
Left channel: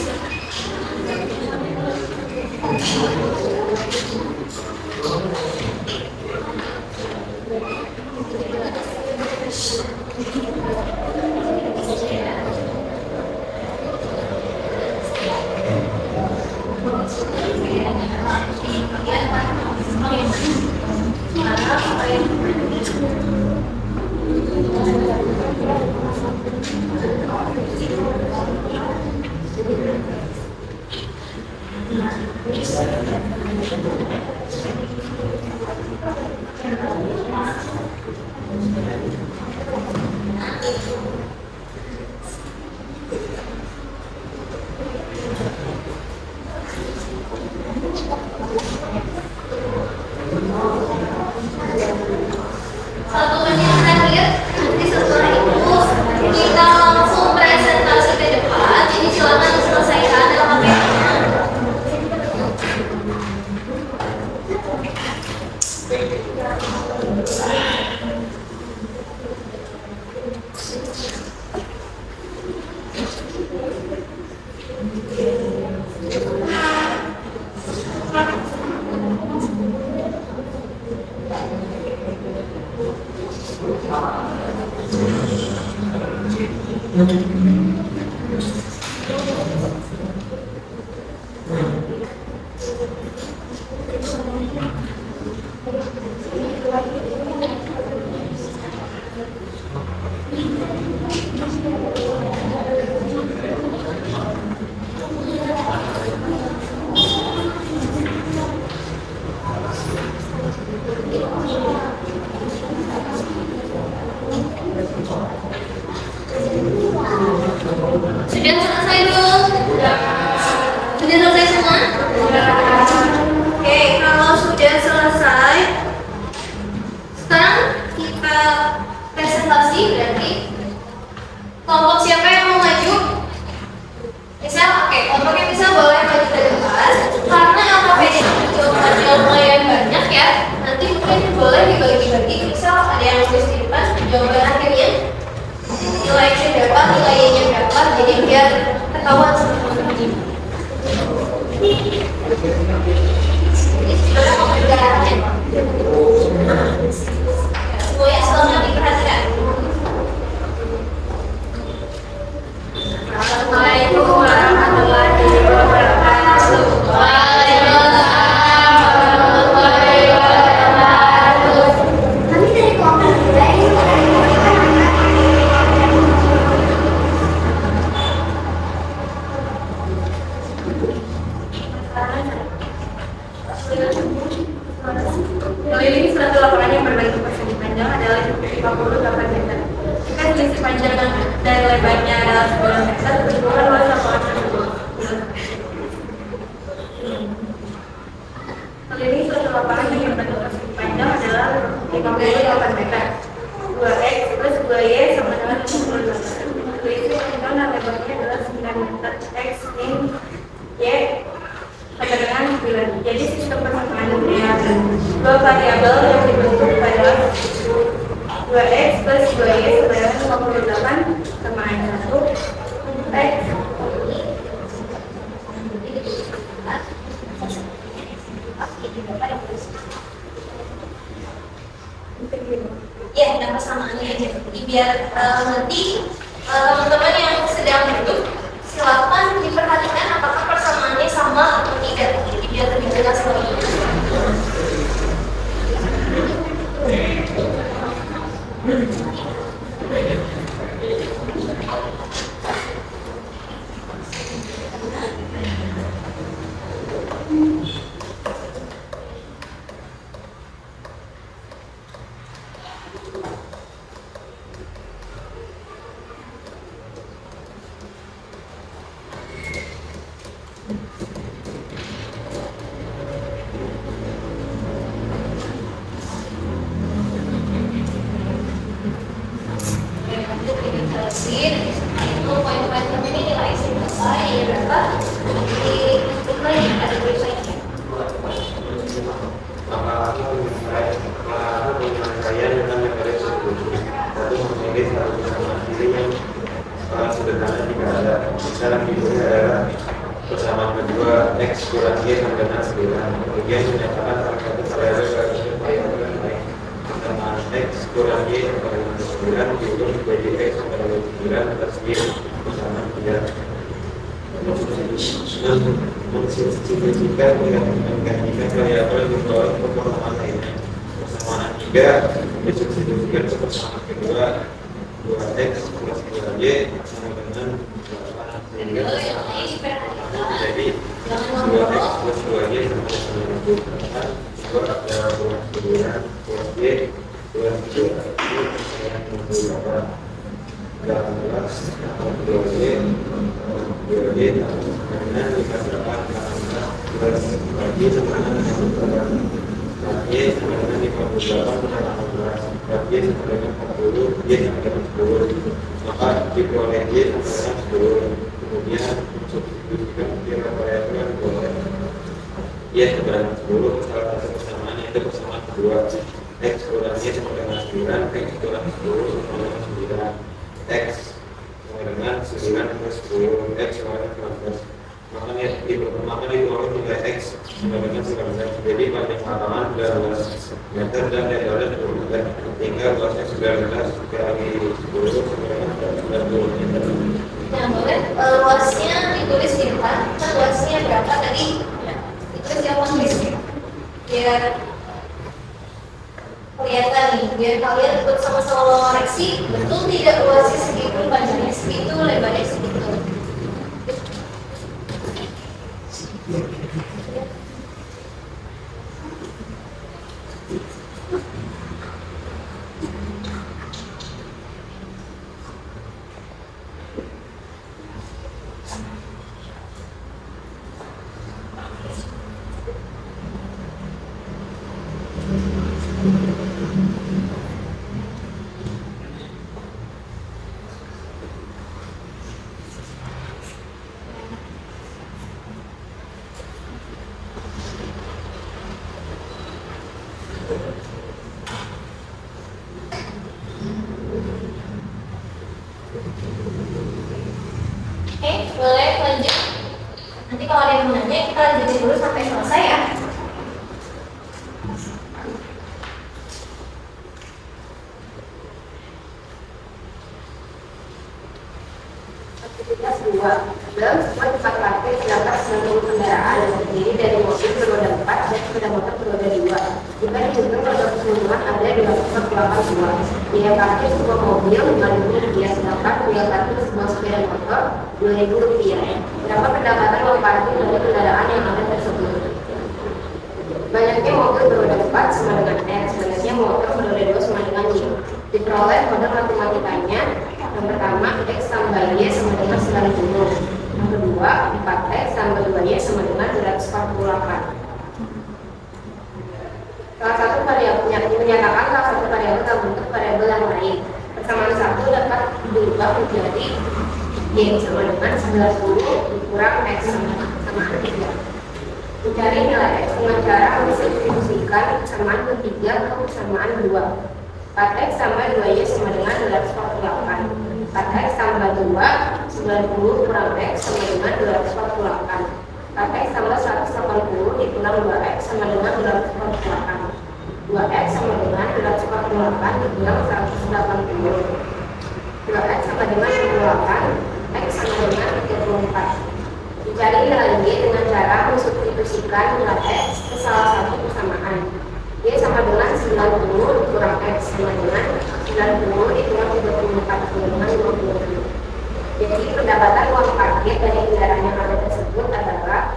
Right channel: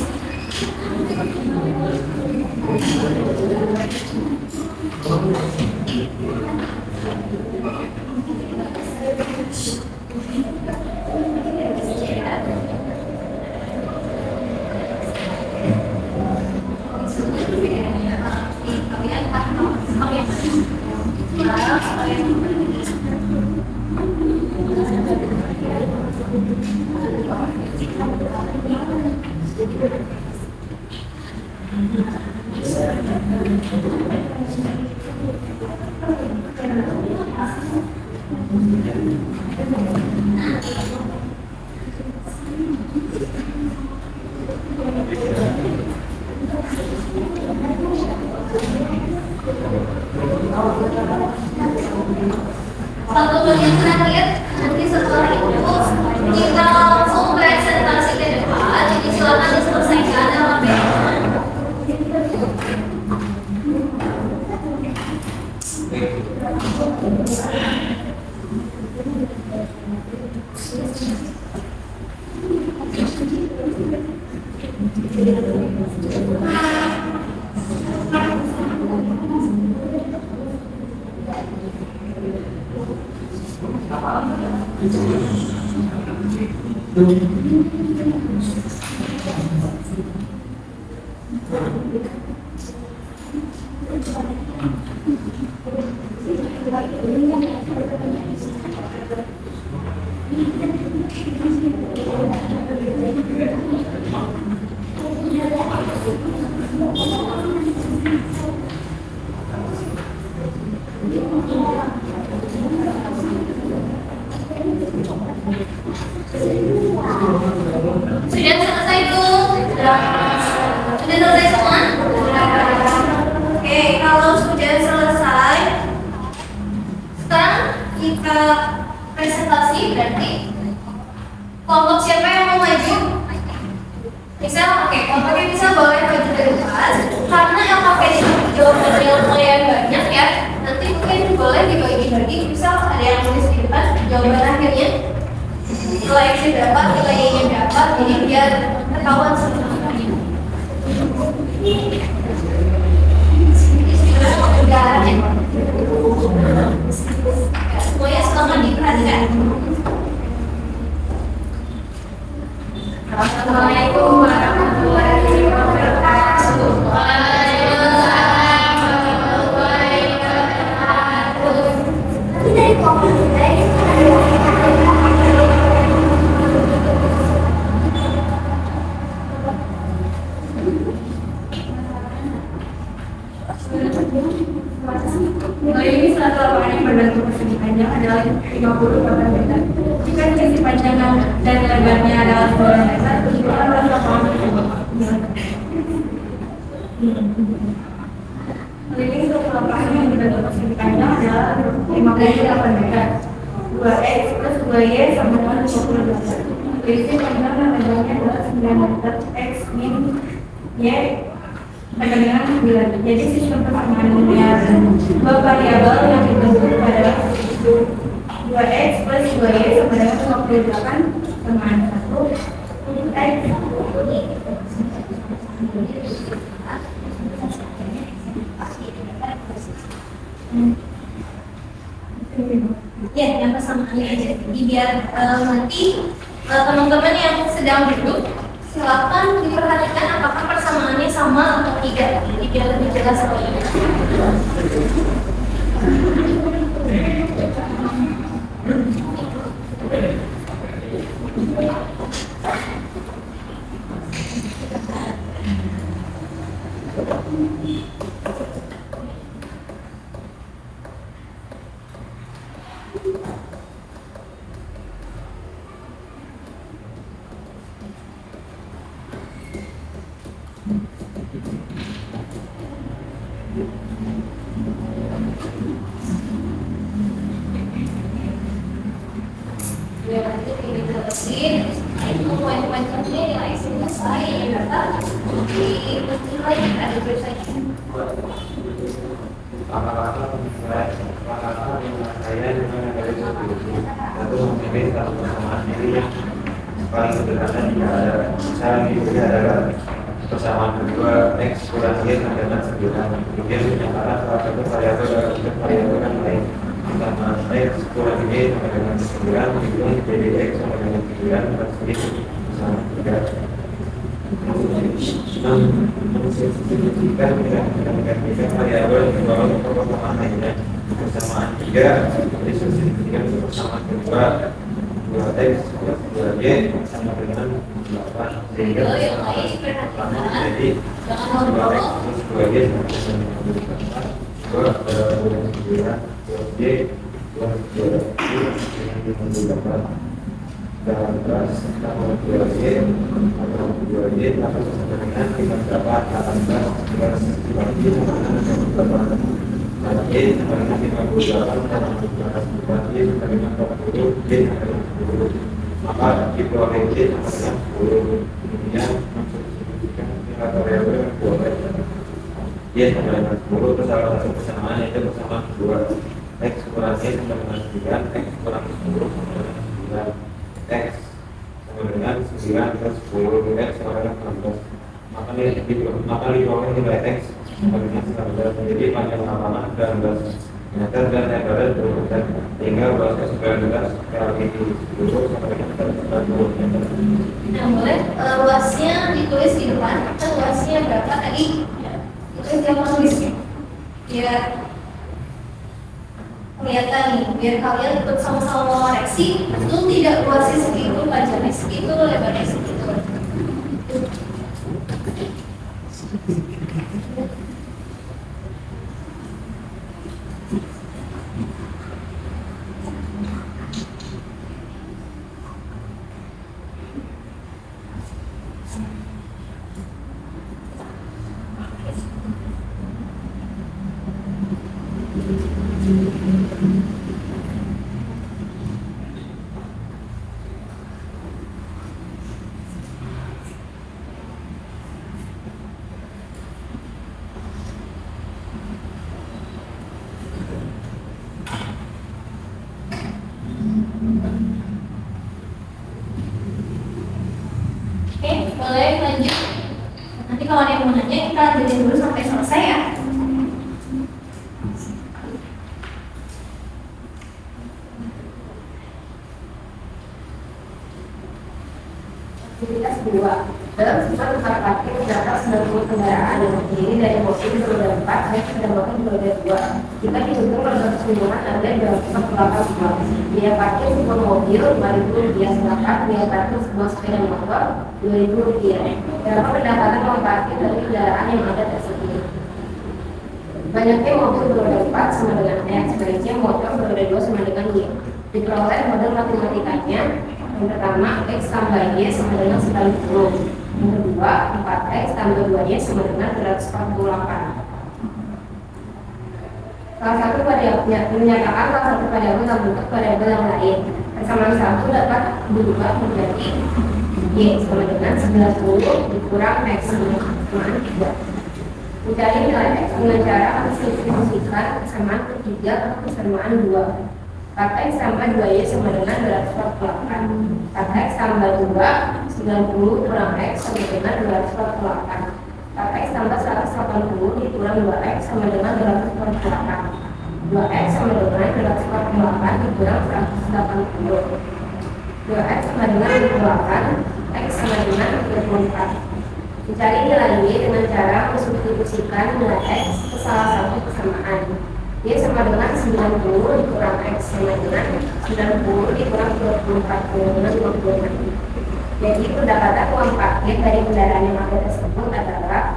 Satu menit terakhir, nanti setelah itu kita langsung presentasi ke depan. Jadi silakan diselesaikan LKPD-nya. Sudah selesai belum? Sudah selesai semua? Oke, kalau sudah selesai, sekarang kita presentasi. Berarti kelompok siapa yang mau maju? Misal, oke, kelompoknya bisa boleh maju ke depan. Karena LKPD jawabannya lumayan banyak ya, nanti mungkin boleh dibagi dibagi-bagi. Misal ada yang tulis di depan jawaban akhirnya nilai X berapa, nilai Y-nya berapa, jadi biar ketahuan semuanya. Ini sebenarnya mau berdarahnya. Semuanya selamat diperhatikan. Assalamualaikum warahmatullahi wabarakatuh. Kami dari kelompok budaya ingin Mengelilingi suatu lapangan yang berbentuk persegi panjang adalah 58 meter. Jika sisi panjang dan lebarnya adalah 9 meter, tentukan luas lapangan tersebut. Mengelilingi suatu lapangan yang berbentuk persegi panjang adalah 58 meter. 2x plus 2y sama dengan 58. Sisi panjang dan lebarnya adalah 9 meter. X min y sama dengan 9. Jadi sistem persamaannya dua variabel yang dibentuk adalah 2x plus 2y sama dengan 58 samaan 1 x. Ya, yang persamaannya aja. Jadi biar nanti teman-teman yang sedang duduk silakan diperhatikan apakah persamaannya sama atau tidak. Jadi biar lebih jelas lagi. Sederhana jika ada misalnya diberi adalah persamaan kedua X kurang Y sama dengan 9. Kemudian dinyatakan salah satu variabel itu variabel lain persamaan X kurang Y sama dengan 9 hitung jadi X sama dengan 9 atas Y sama 3. Mensubstitusikan dengan menggantikan variabel di bawah ke persamaan lainnya. Persamaan 3 disubstitusikan ke persamaan kedua 2x plus 2y sama dengan 8 sehingga jadi 2x plus 2y sama dengan 2 dalam 9 plus y plus 2 dalam 18 tambah 2y tambah 2y sama dengan 58 18 plus 4y sama dengan 8 Y sama dengan 58 tambah 16 4Y sama dengan 40 Y sama dengan 10 maka dikeluarkan Y sama dengan 10 kemudian mensubstitusikan kira variabel yang boleh Y sama dengan 10 ke salah satu persamaan yaitu persamaan kedua X kurang Y sama dengan 9 X kurang 10 sama dengan 9 X sama dengan 9 plus 10 X sama dengan 16 maka dituangkan nilai X sama dengan 19 jadi panjang lapangan 19 meter dan lebarnya 20 meter hingga luasnya 19 kali 10 sama dengan 40 meter. Nah, boleh luasnya ditulis di depan. Kita luasnya berapa tadi? Ditulis yang tulis. Biar kelihatan nih, biar kalian ikut sama-sama mengoreksi. Betul tidak luasnya segitu, panjangnya segitu, lebarnya segitu. yang menanya, kita lanjutin dulu sampai selesai ya. Aktivitas 2. Dalam sebuah tempat parkir terdapat 90 kendaraan yang terdiri dari mobil beroda 4 dan sepeda motor beroda 2. Jika dihitung roda keseluruhan ada 242. Biaya parkir sebuah mobil Rp5.000, sedangkan biaya parkir sebuah sepeda motor Rp2.000. Berapa pendapatan uang parkir dari kendaraan yang ada tersebut? Banyaknya mobil beroda 4 sama dengan X, banyaknya motor beroda 2 sama dengan Y. Diperoleh model matematikanya. Yang pertama, X tambah Y sama dengan 90. Yang kedua, 4X tambah 2Y sama dengan 248. Salah satu variabelnya menyatakan salah satu variabel dalam bentuk variabel yang lain. Persamaan 1 dapat dirubah menjadi Y sama dengan 90 dikurang X sama 3. Mencari nilai X dengan cara mensubstitusikan persamaan ketiga atau persamaan 2. 4X tambah 2Y sama dengan 248. 4X tambah 2, 90 kurang X sama dengan 248. 4X tambah 180 dikurang 2X sama dengan 248. 2X sama dengan 248 dikurang 180. 2X sama dengan 28, X sama dengan 34. Dicari nilai Y dengan cara mensubstitusikan nilai X ke salah satu persamaan. Y sama dengan 90 dikurang X sama dengan 90 dikurang 34 dengan 26. Jadi pendapatan uang parkir dari kendaraan yang ada tersebut adalah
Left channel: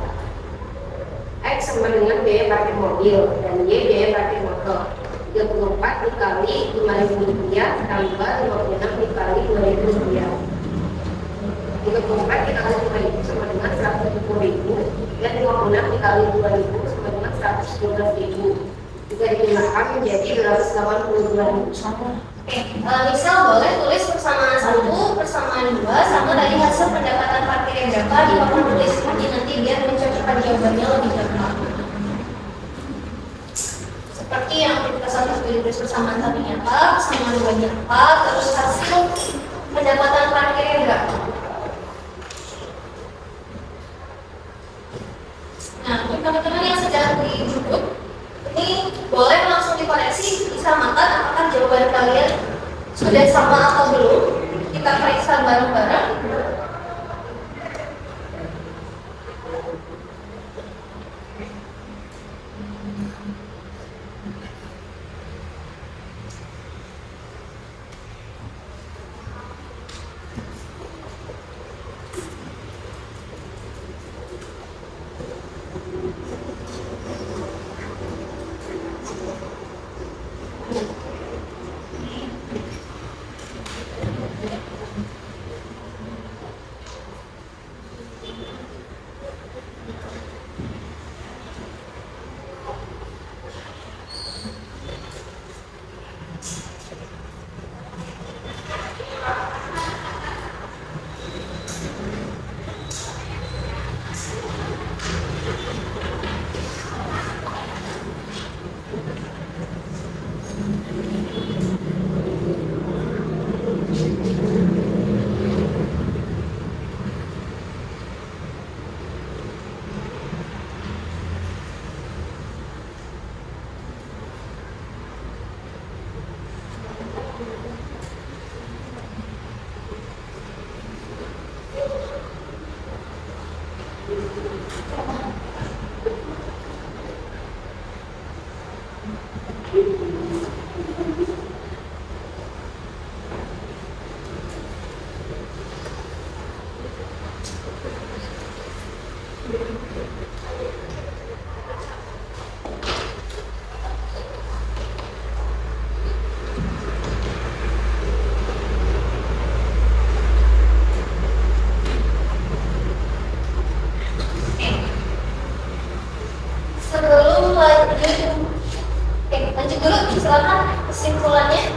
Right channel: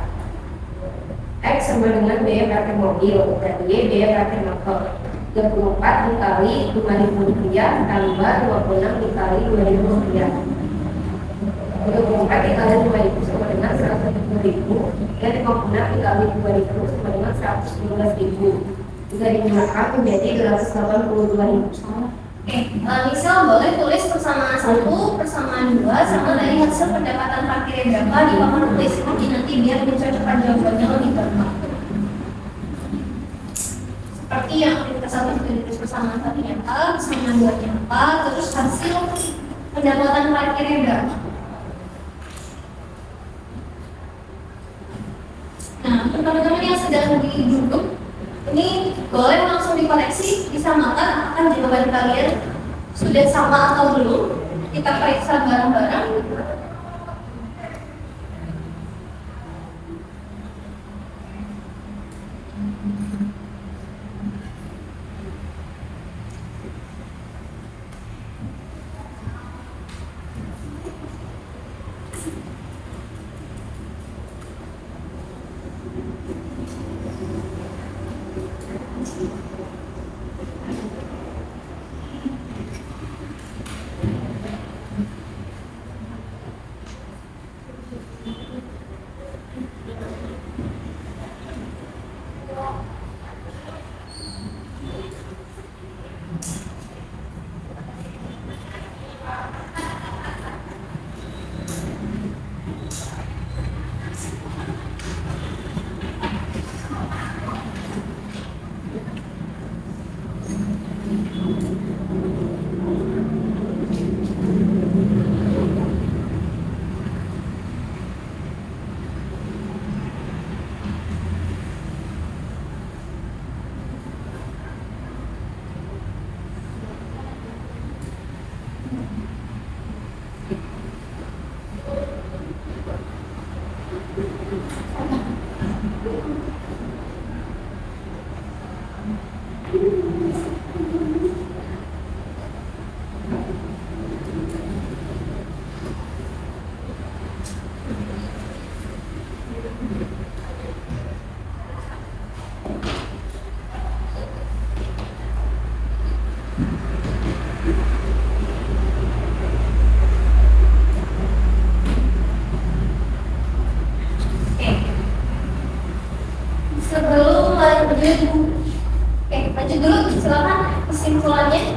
X sama dengan biaya parkir mobil dan Y biaya parkir motor. 34 dikali Rp5.000 tambah 56 dikali Rp2.000. 34 dikali 5.000 sama dengan 110.000 dan 56 dikali 2.000 sama dengan 115.000. Jika digunakan menjadi 282.000. Misal boleh tulis persamaan 1, persamaan 2 sama dari hasil pendapatan parkir yang berapa di papan tulis. Jadi nanti biar mencocokkan jawabannya lebih tepat. Seperti yang aktivitas 1 tulis persamaan tadinya apa, persamaan 2-nya apa, terus hasil pendapatan parkirnya berapa. Nah, untuk teman-teman yang sedang duduk, ini boleh langsung dikoreksi, disamakan apakah jawaban kalian sudah sama atau belum. Kita periksa bareng-bareng. Lanjut dulu, silakan kesimpulannya.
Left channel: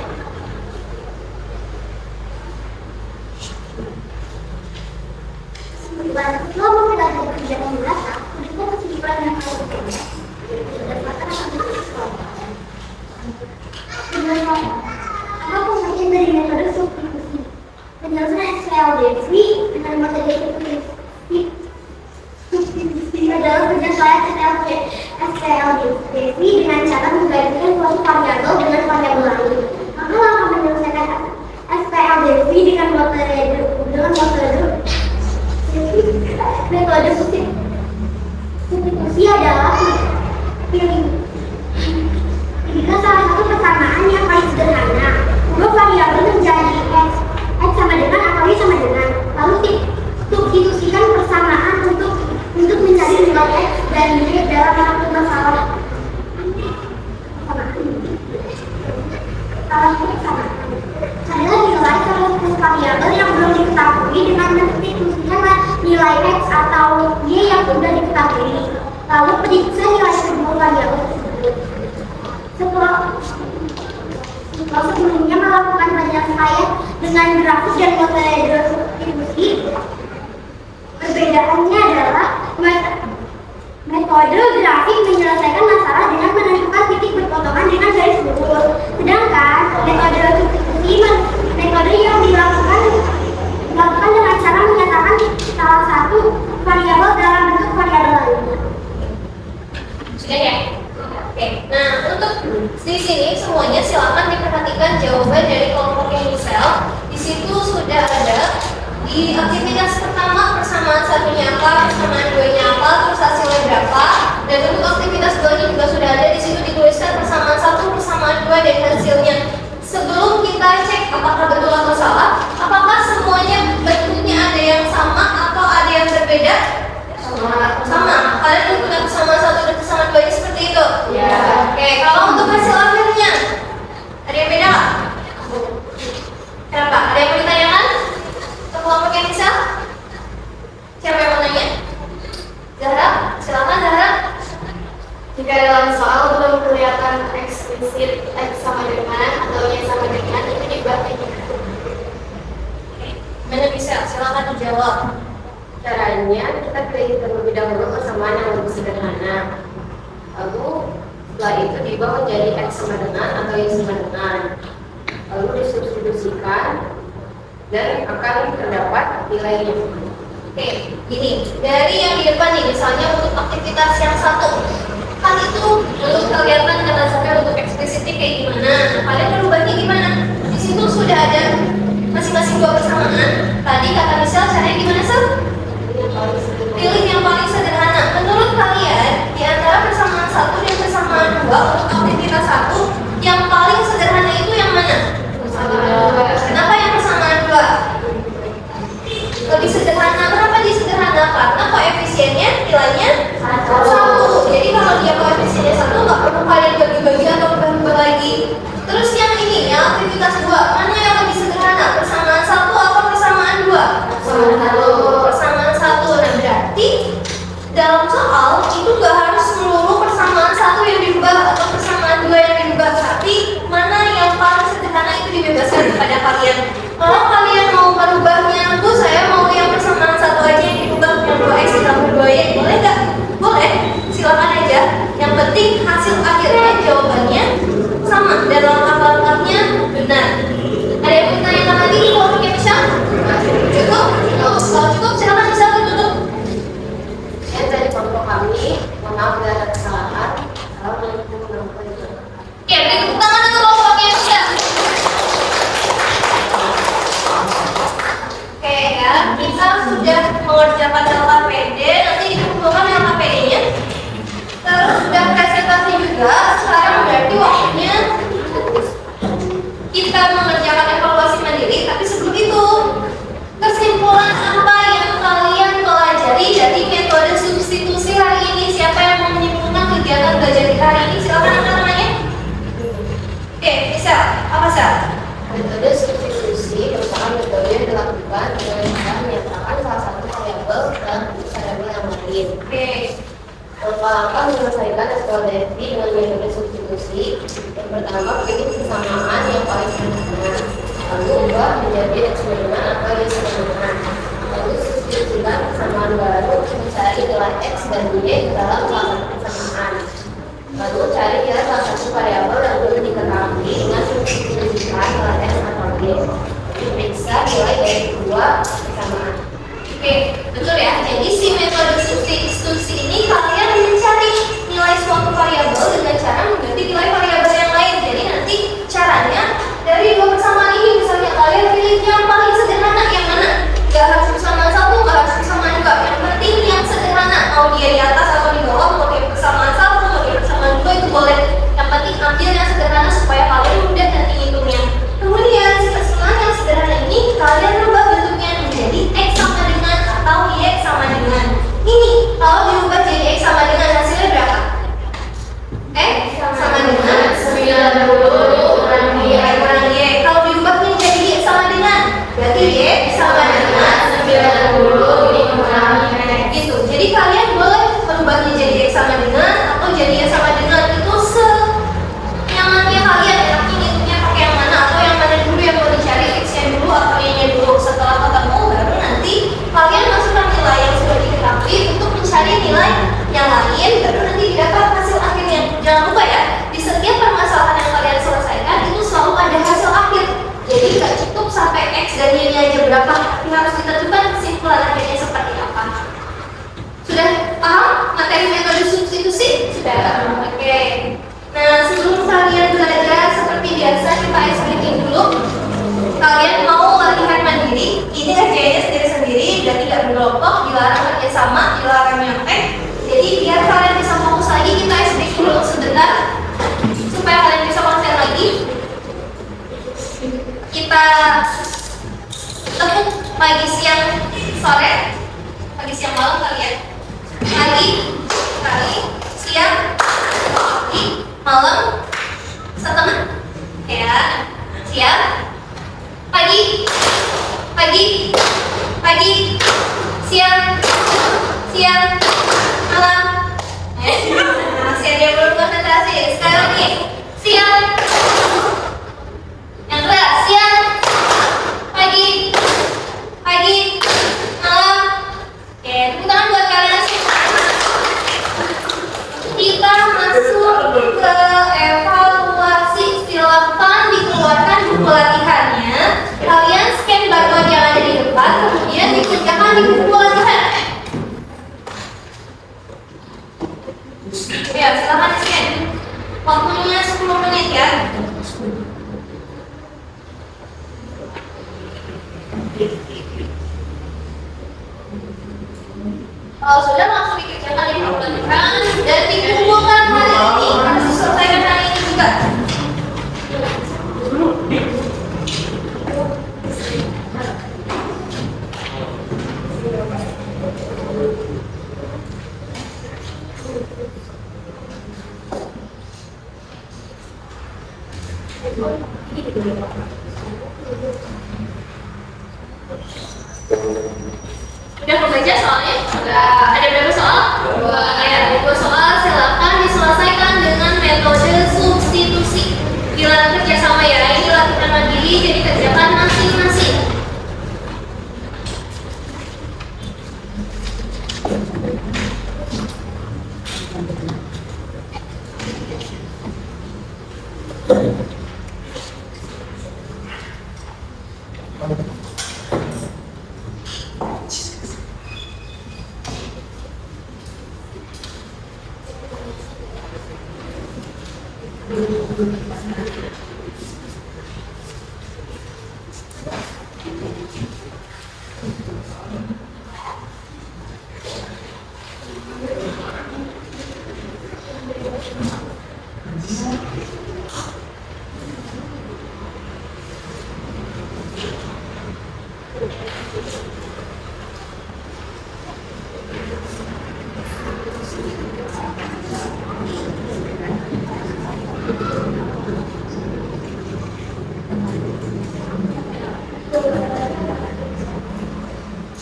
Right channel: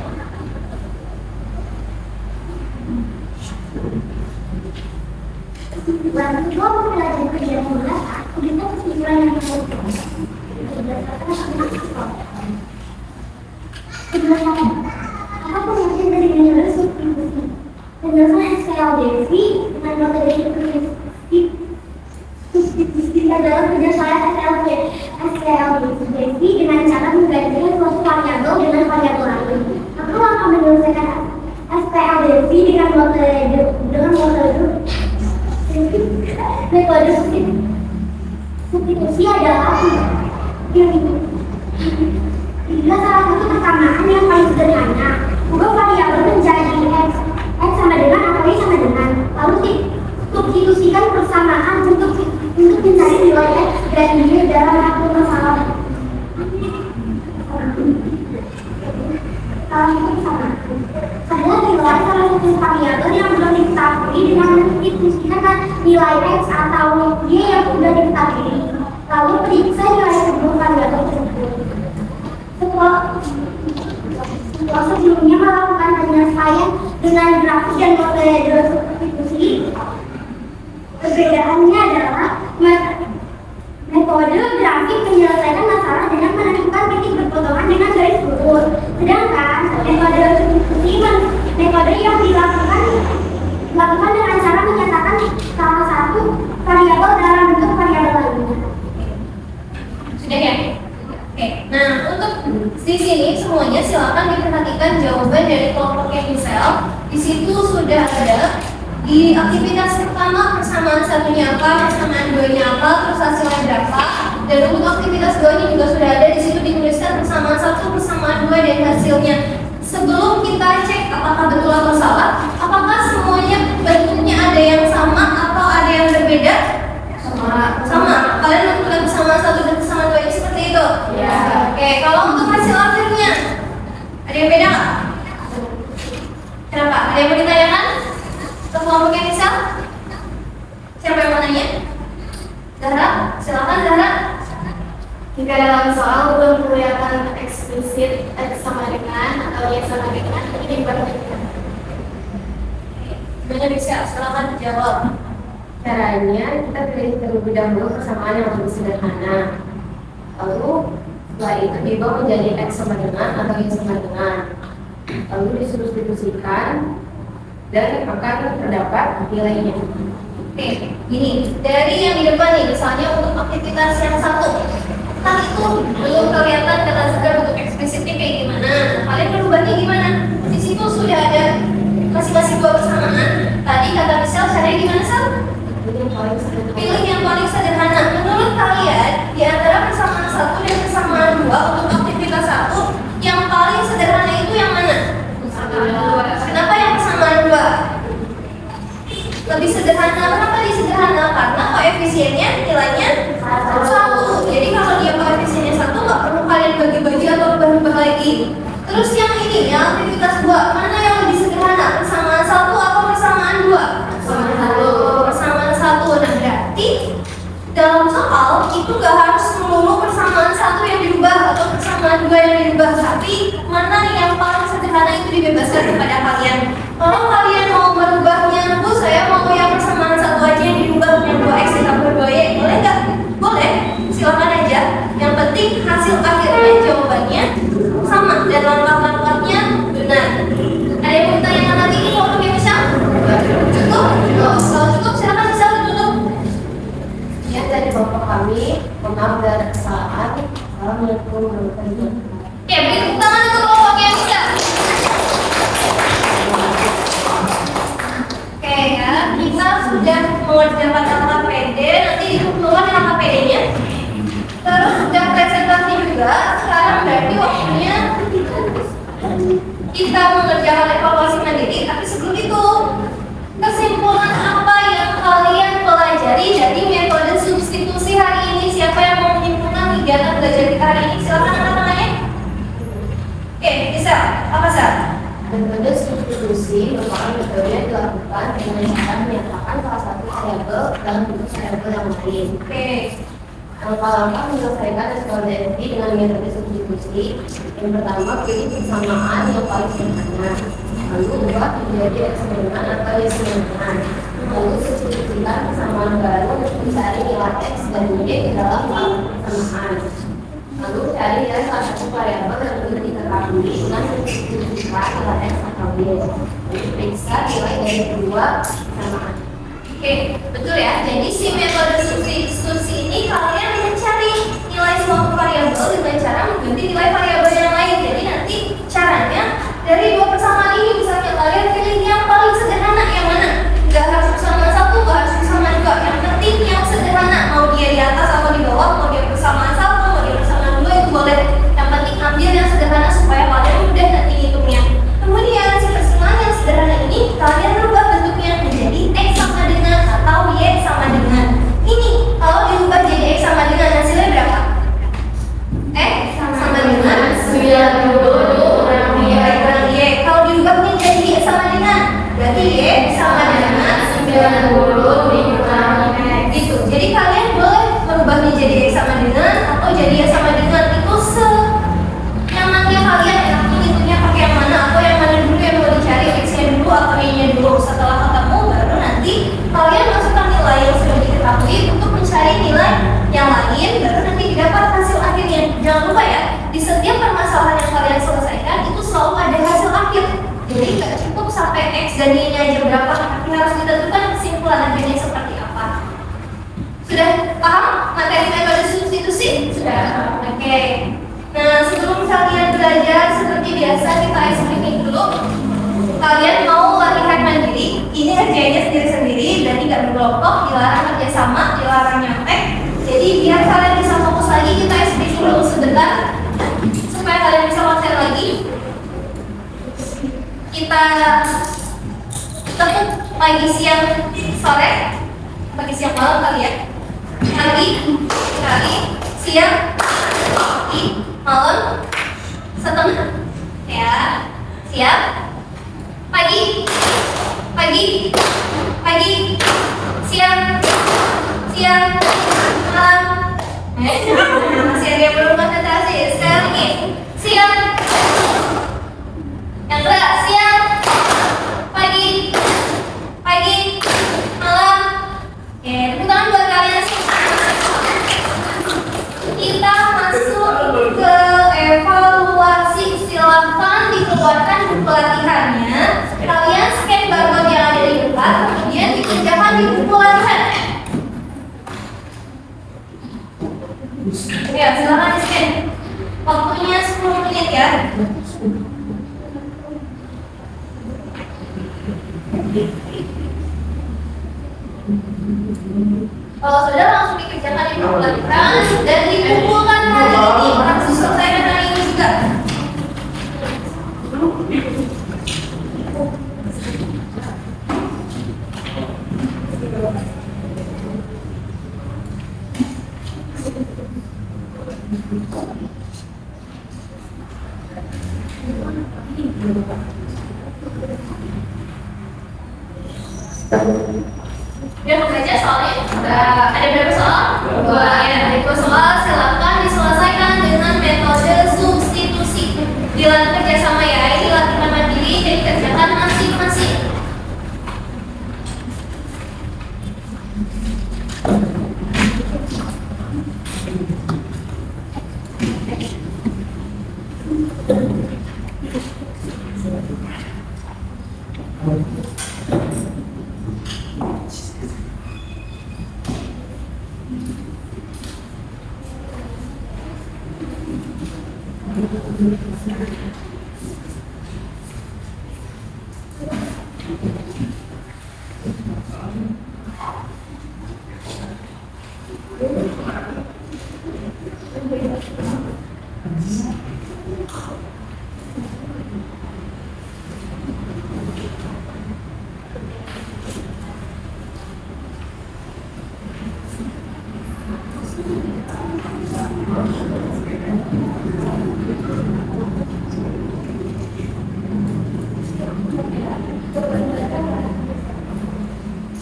Kesimpulan kedua mempelajari kerjaan yang belakang, kemudian kesimpulan yang kedua berdasarkan aktivitas kedua sama. Apa pengertian dari metode substitusi? Penjelasan SPLDV dengan materi substitusi menggantikan suatu variabel dengan variabel lain. Maka lo akan menyelesaikan SPLDV dengan metode substitusi adalah pilih. Jika salah satu persamaan yang paling sederhana, ubah variabel menjadi x sama dengan atau y sama dengan, lalu substitusikan persamaan untuk mencari nilai x dan y dalam satu masalah. Adalah nilai salah satu variabel yang belum diketahui dengan mensubstitusikan nilai x atau y yang sudah diketahui, lalu periksa nilai kedua variabel tersebut. Setelah sebelumnya melakukan penyelesaian dengan grafik dan metode substitusi, perbedaannya adalah metode grafik menyelesaikan masalah dengan menentukan titik berpotongan dengan garis lurus, sedangkan metode substitusi metode yang dilakukan dengan cara menyatakan salah satu variabel dalam bentuk variabel lainnya. Sudah ya? Oke, nah untuk di sini semuanya silakan diperhatikan jawaban dari kelompok yang misal. Di situ sudah ada di aktivitas pertama persamaan satunya apa, persamaan duanya apa, terus hasilnya berapa. Dan untuk aktivitas duanya juga sudah ada di situ dituliskan persamaan satu, persamaan dua dan hasilnya. Sebelum kita cek apakah betul atau salah, apakah semuanya bentuknya ada yang sama atau ada yang berbeda? Sama. Kalian menentukan persamaan satu dan persamaan dua seperti itu? Ya. Oke, kalau untuk hasil akhirnya ada yang beda nggak? Kenapa? Ada yang mau ditanyakan? Untuk kelompok yang bisa? Siapa yang mau nanya? Zahra, silakan Zahra. Jika dalam soal belum kelihatan eksplisit x sama dengan atau y sama dengan, itu dibandingkan. Gimana bisa? Silakan dijawab. Caranya kita pilih terlebih dahulu persamaan yang lebih sederhana. Lalu setelah itu diubah menjadi x sama dengan atau y sama dengan. Lalu disubstitusikan dan akan terdapat nilainya. Oke, gini. Dari yang di depan nih, misalnya untuk aktivitas yang satu, kan itu belum kelihatan kata Zahra untuk eksplisitnya kayak gimana. Kalian merubahnya gimana? Di situ sudah ada masing-masing dua persamaan. Tadi kata misal caranya gimana sih? Pilih yang paling sederhana. Menurut kalian, di antara persamaan satu dan persamaan dua untuk aktivitas satu, yang paling sederhana itu yang mana? Kenapa yang persamaan dua? Lebih sederhana. Kenapa disederhana? Karena koefisiennya nilainya satu. Jadi kalau dia koefisiennya satu, nggak perlu kalian bagi-bagi atau ubah-ubah lagi. Terus yang ini, yang aktivitas dua, mana yang lebih sederhana? Persamaan satu atau persamaan dua? Persamaan satu. Nah berarti dalam soal itu nggak harus melulu persamaan satu yang dirubah atau persamaan dua yang dirubah, tapi mana yang paling sederhana itu dibebaskan kepada kalian. Kalau kalian mau merubahnya, Bu, saya mau yang persamaan satu aja yang dirubah, yang 2x ditambah 2y, boleh nggak? Boleh, silakan aja. Yang penting hasil akhirnya jawabannya sama dan langkah-langkahnya benar. Ada yang mau ditanyakan lagi di kelompok yang bisa? Cukup? Kalau cukup silakan bisa tutup. Ya, dari kelompok kami, maaf tidak ada kesalahan. Assalamualaikum warahmatullahi wabarakatuh. Oke, beri tepuk tangan untuk kelompok yang bisa. Oke ya, kita sudah mengerjakan LKPD, nanti dikumpulkan LKPD-nya. Terus sudah presentasi juga, sekarang berarti waktunya kita mengerjakan evaluasi mandiri. Tapi sebelum itu, kesimpulan apa yang kalian pelajari dari metode substitusi hari ini? Siapa yang mau menyimpulkan kegiatan belajar kita hari ini? Silakan angkat tangannya. Oke, bisa. Apa sih? Metode substitusi merupakan metode yang dilakukan dengan cara menyatakan salah satu variabel dalam bentuk variabel yang lain. Oke. Langkah-langkah menyelesaikan SPLDV dengan metode substitusi. Yang pertama, pilih persamaan yang paling sederhana. Lalu ubah menjadi x sama dengan atau y sama dengan. Lalu substitusikan persamaan baru untuk mencari nilai x dan y ke dalam langkah persamaan. Lalu cari nilai salah satu variabel yang belum diketahui dengan substitusikan nilai x atau y. Lalu periksa nilai dari kedua persamaan. Oke, betul ya. Jadi si metode substitusi ini kalian mencari nilai suatu variabel dengan cara mengganti nilai variabel bisa kita explain dulu. Kalian mau latihan mandiri, ini kerjanya sendiri-sendiri dan tidak berkelompok, dilarang kerjasama, dilarang nyontek. Jadi biar kalian bisa fokus lagi, kita explain dulu sebentar supaya kalian bisa konsen lagi. Kita ketemu pagi, siang, sore, pagi, siang, malam kali ya. Pagi, sekali, siang, pagi, malam, setengah, ya, siang, pagi, siang, malam. Masih ada yang belum konsentrasi. Sekarang nih, siang, yang kedua, siang, pagi, malam. Oke, tepuk tangan buat kalian semua. Kita masuk ke evaluasi. Silahkan dikeluarkan buku latihannya. Kalian scan barcode yang ada di depan, kemudian dikerjakan di buku latihan. Ya, silahkan di scan. Waktunya 10 menit ya. Kalau sudah langsung dikerjakan di buku latihan dan dikumpulkan hari ini. Harus selesaikan hari ini juga. Udah membaca soalnya? Ada berapa soal? 2. Ya, 2 soal silakan diselesaikan dengan metode substitusi. Dilarang kerjasama ya, ini latihan mandiri, jadi kerjakan masing-masing.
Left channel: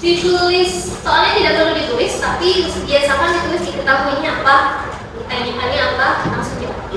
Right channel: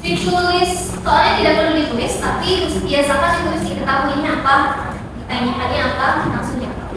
Ditulis, soalnya tidak perlu ditulis, tapi biasakan ditulis diketahuinya apa, ditanyakannya apa, langsung jawab.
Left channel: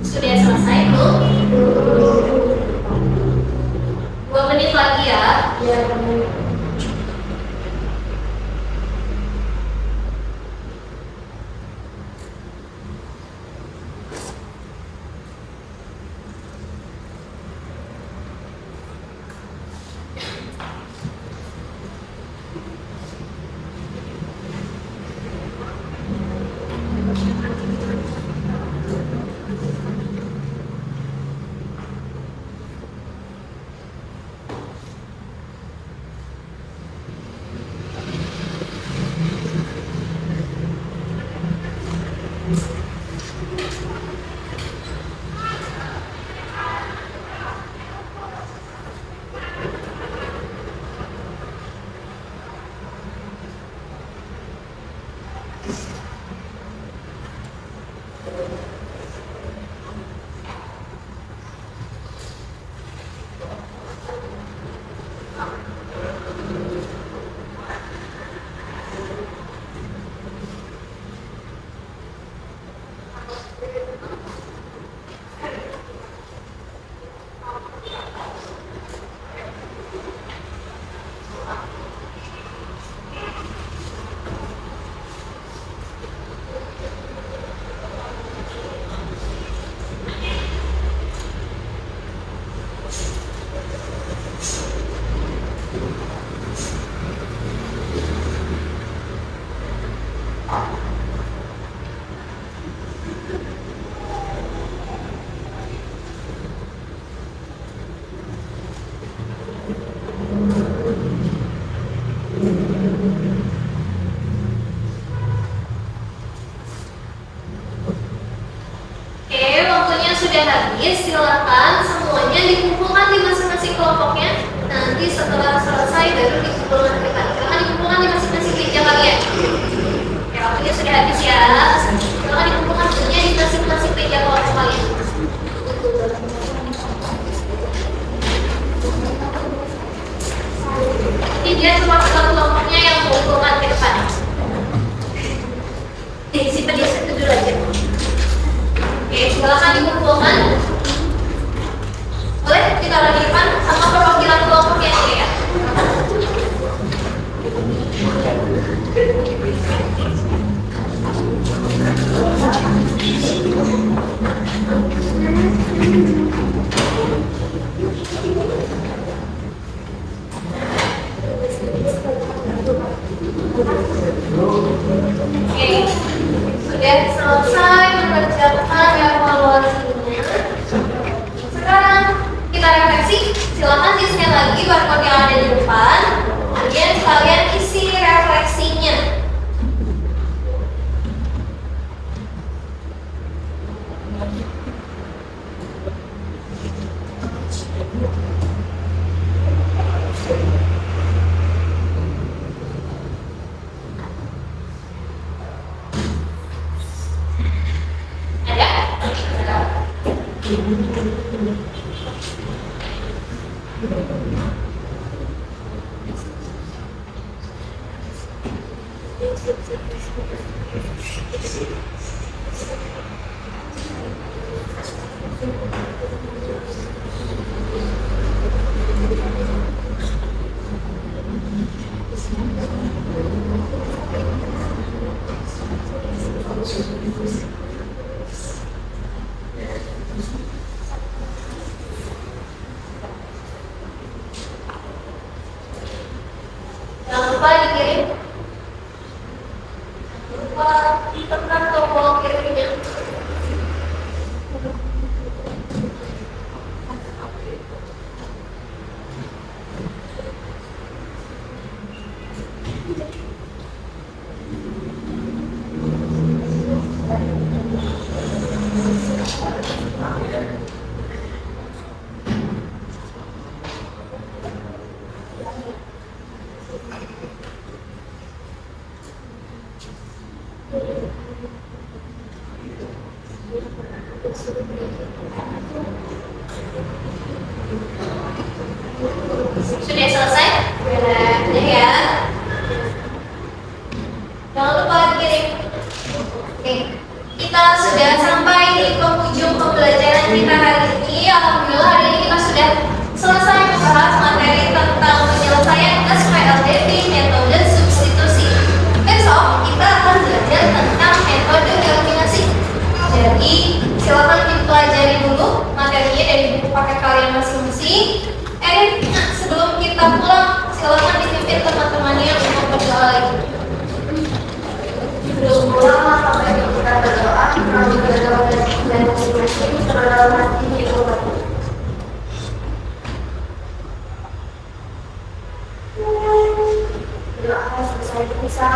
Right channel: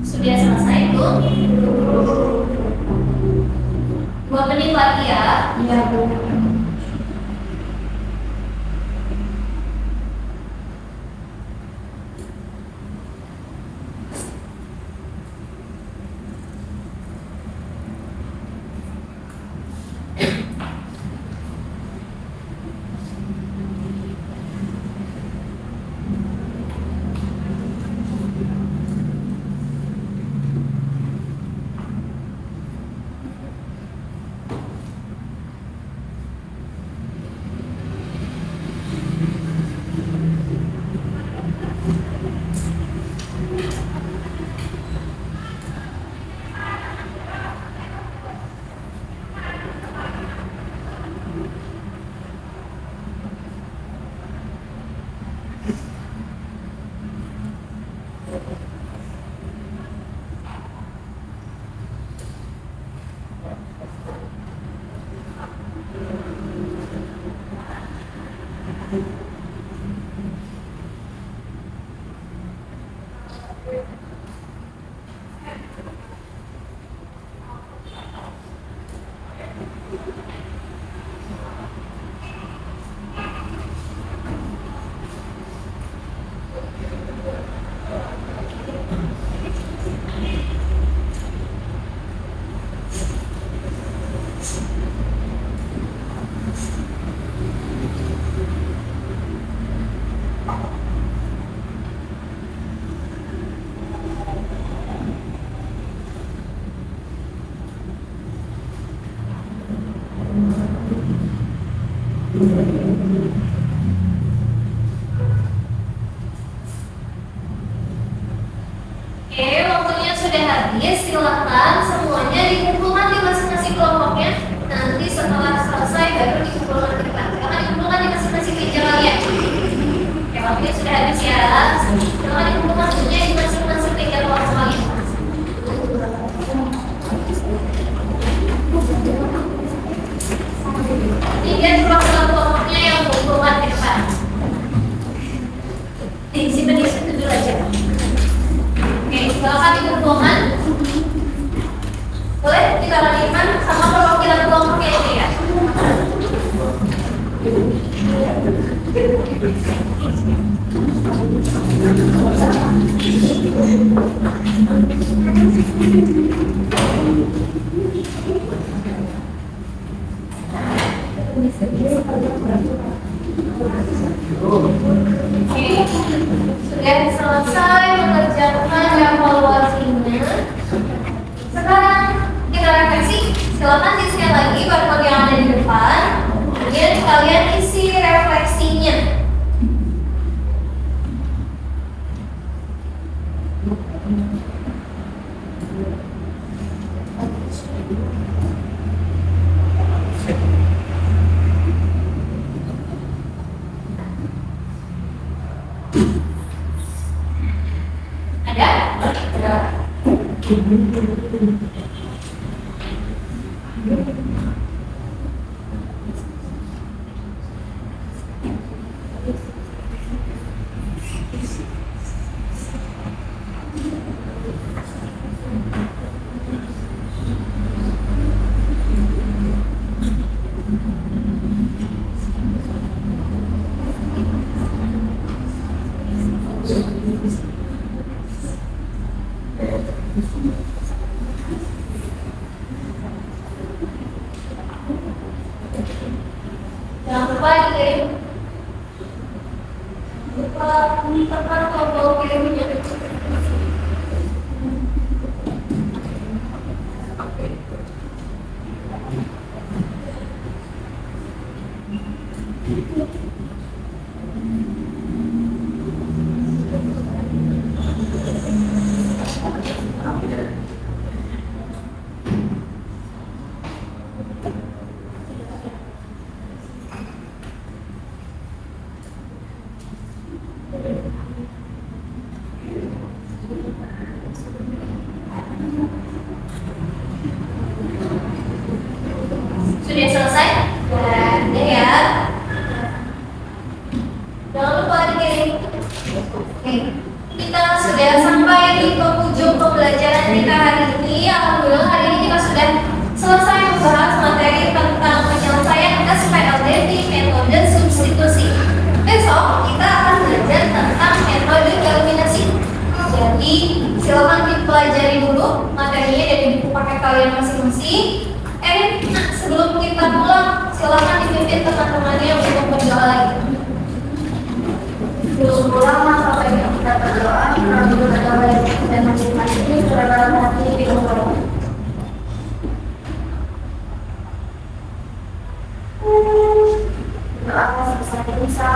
Sudah selesai belum? 2 menit lagi ya. Iya, Bu. lagi, silakan semuanya dikumpulkan di masing-masing kelompoknya. Nanti setelah selesai baru dikumpulkan ke depan. Silakan dikumpulkan di masing-masing meja kalian. Oke, waktunya sudah habis ya. Silakan dikumpulkan semuanya di masing-masing meja kelompok kalian. Ini dia termasuk kelompoknya yang mengumpulkan ke depan. Disimpan di situ dulu aja. Oke, silakan dikumpulkan. Boleh ditaruh di depan sama perwakilan kelompoknya aja ya. Oke, sudah selesai mengerjakan evaluasinya. Sekarang kita refleksi. Silakan di-scan lagi barcode yang ada di depan. Kemudian kalian isi refleksinya. Jangan lupa dikirim. Lupa tekan tombol kirimnya. Sudah selesai? Sudah ya. Jangan lupa dikirim. Oke, kita sudah sampai di penghujung pembelajaran kita hari ini. Alhamdulillah hari ini kita sudah selesai membahas materi tentang penyelesaian tes PLDT metode substitusi. Besok kita akan belajar tentang metode eliminasi. Jadi silakan dipelajari dulu materinya dari buku paket kalian masing-masing. Sebelum kita pulang, silakan dipimpin teman-temannya untuk berdoa lagi. Sebelum pulang, apa yang kita berdoa, dan masing-masing terdapat hati di rumah. Doa selesai bisa.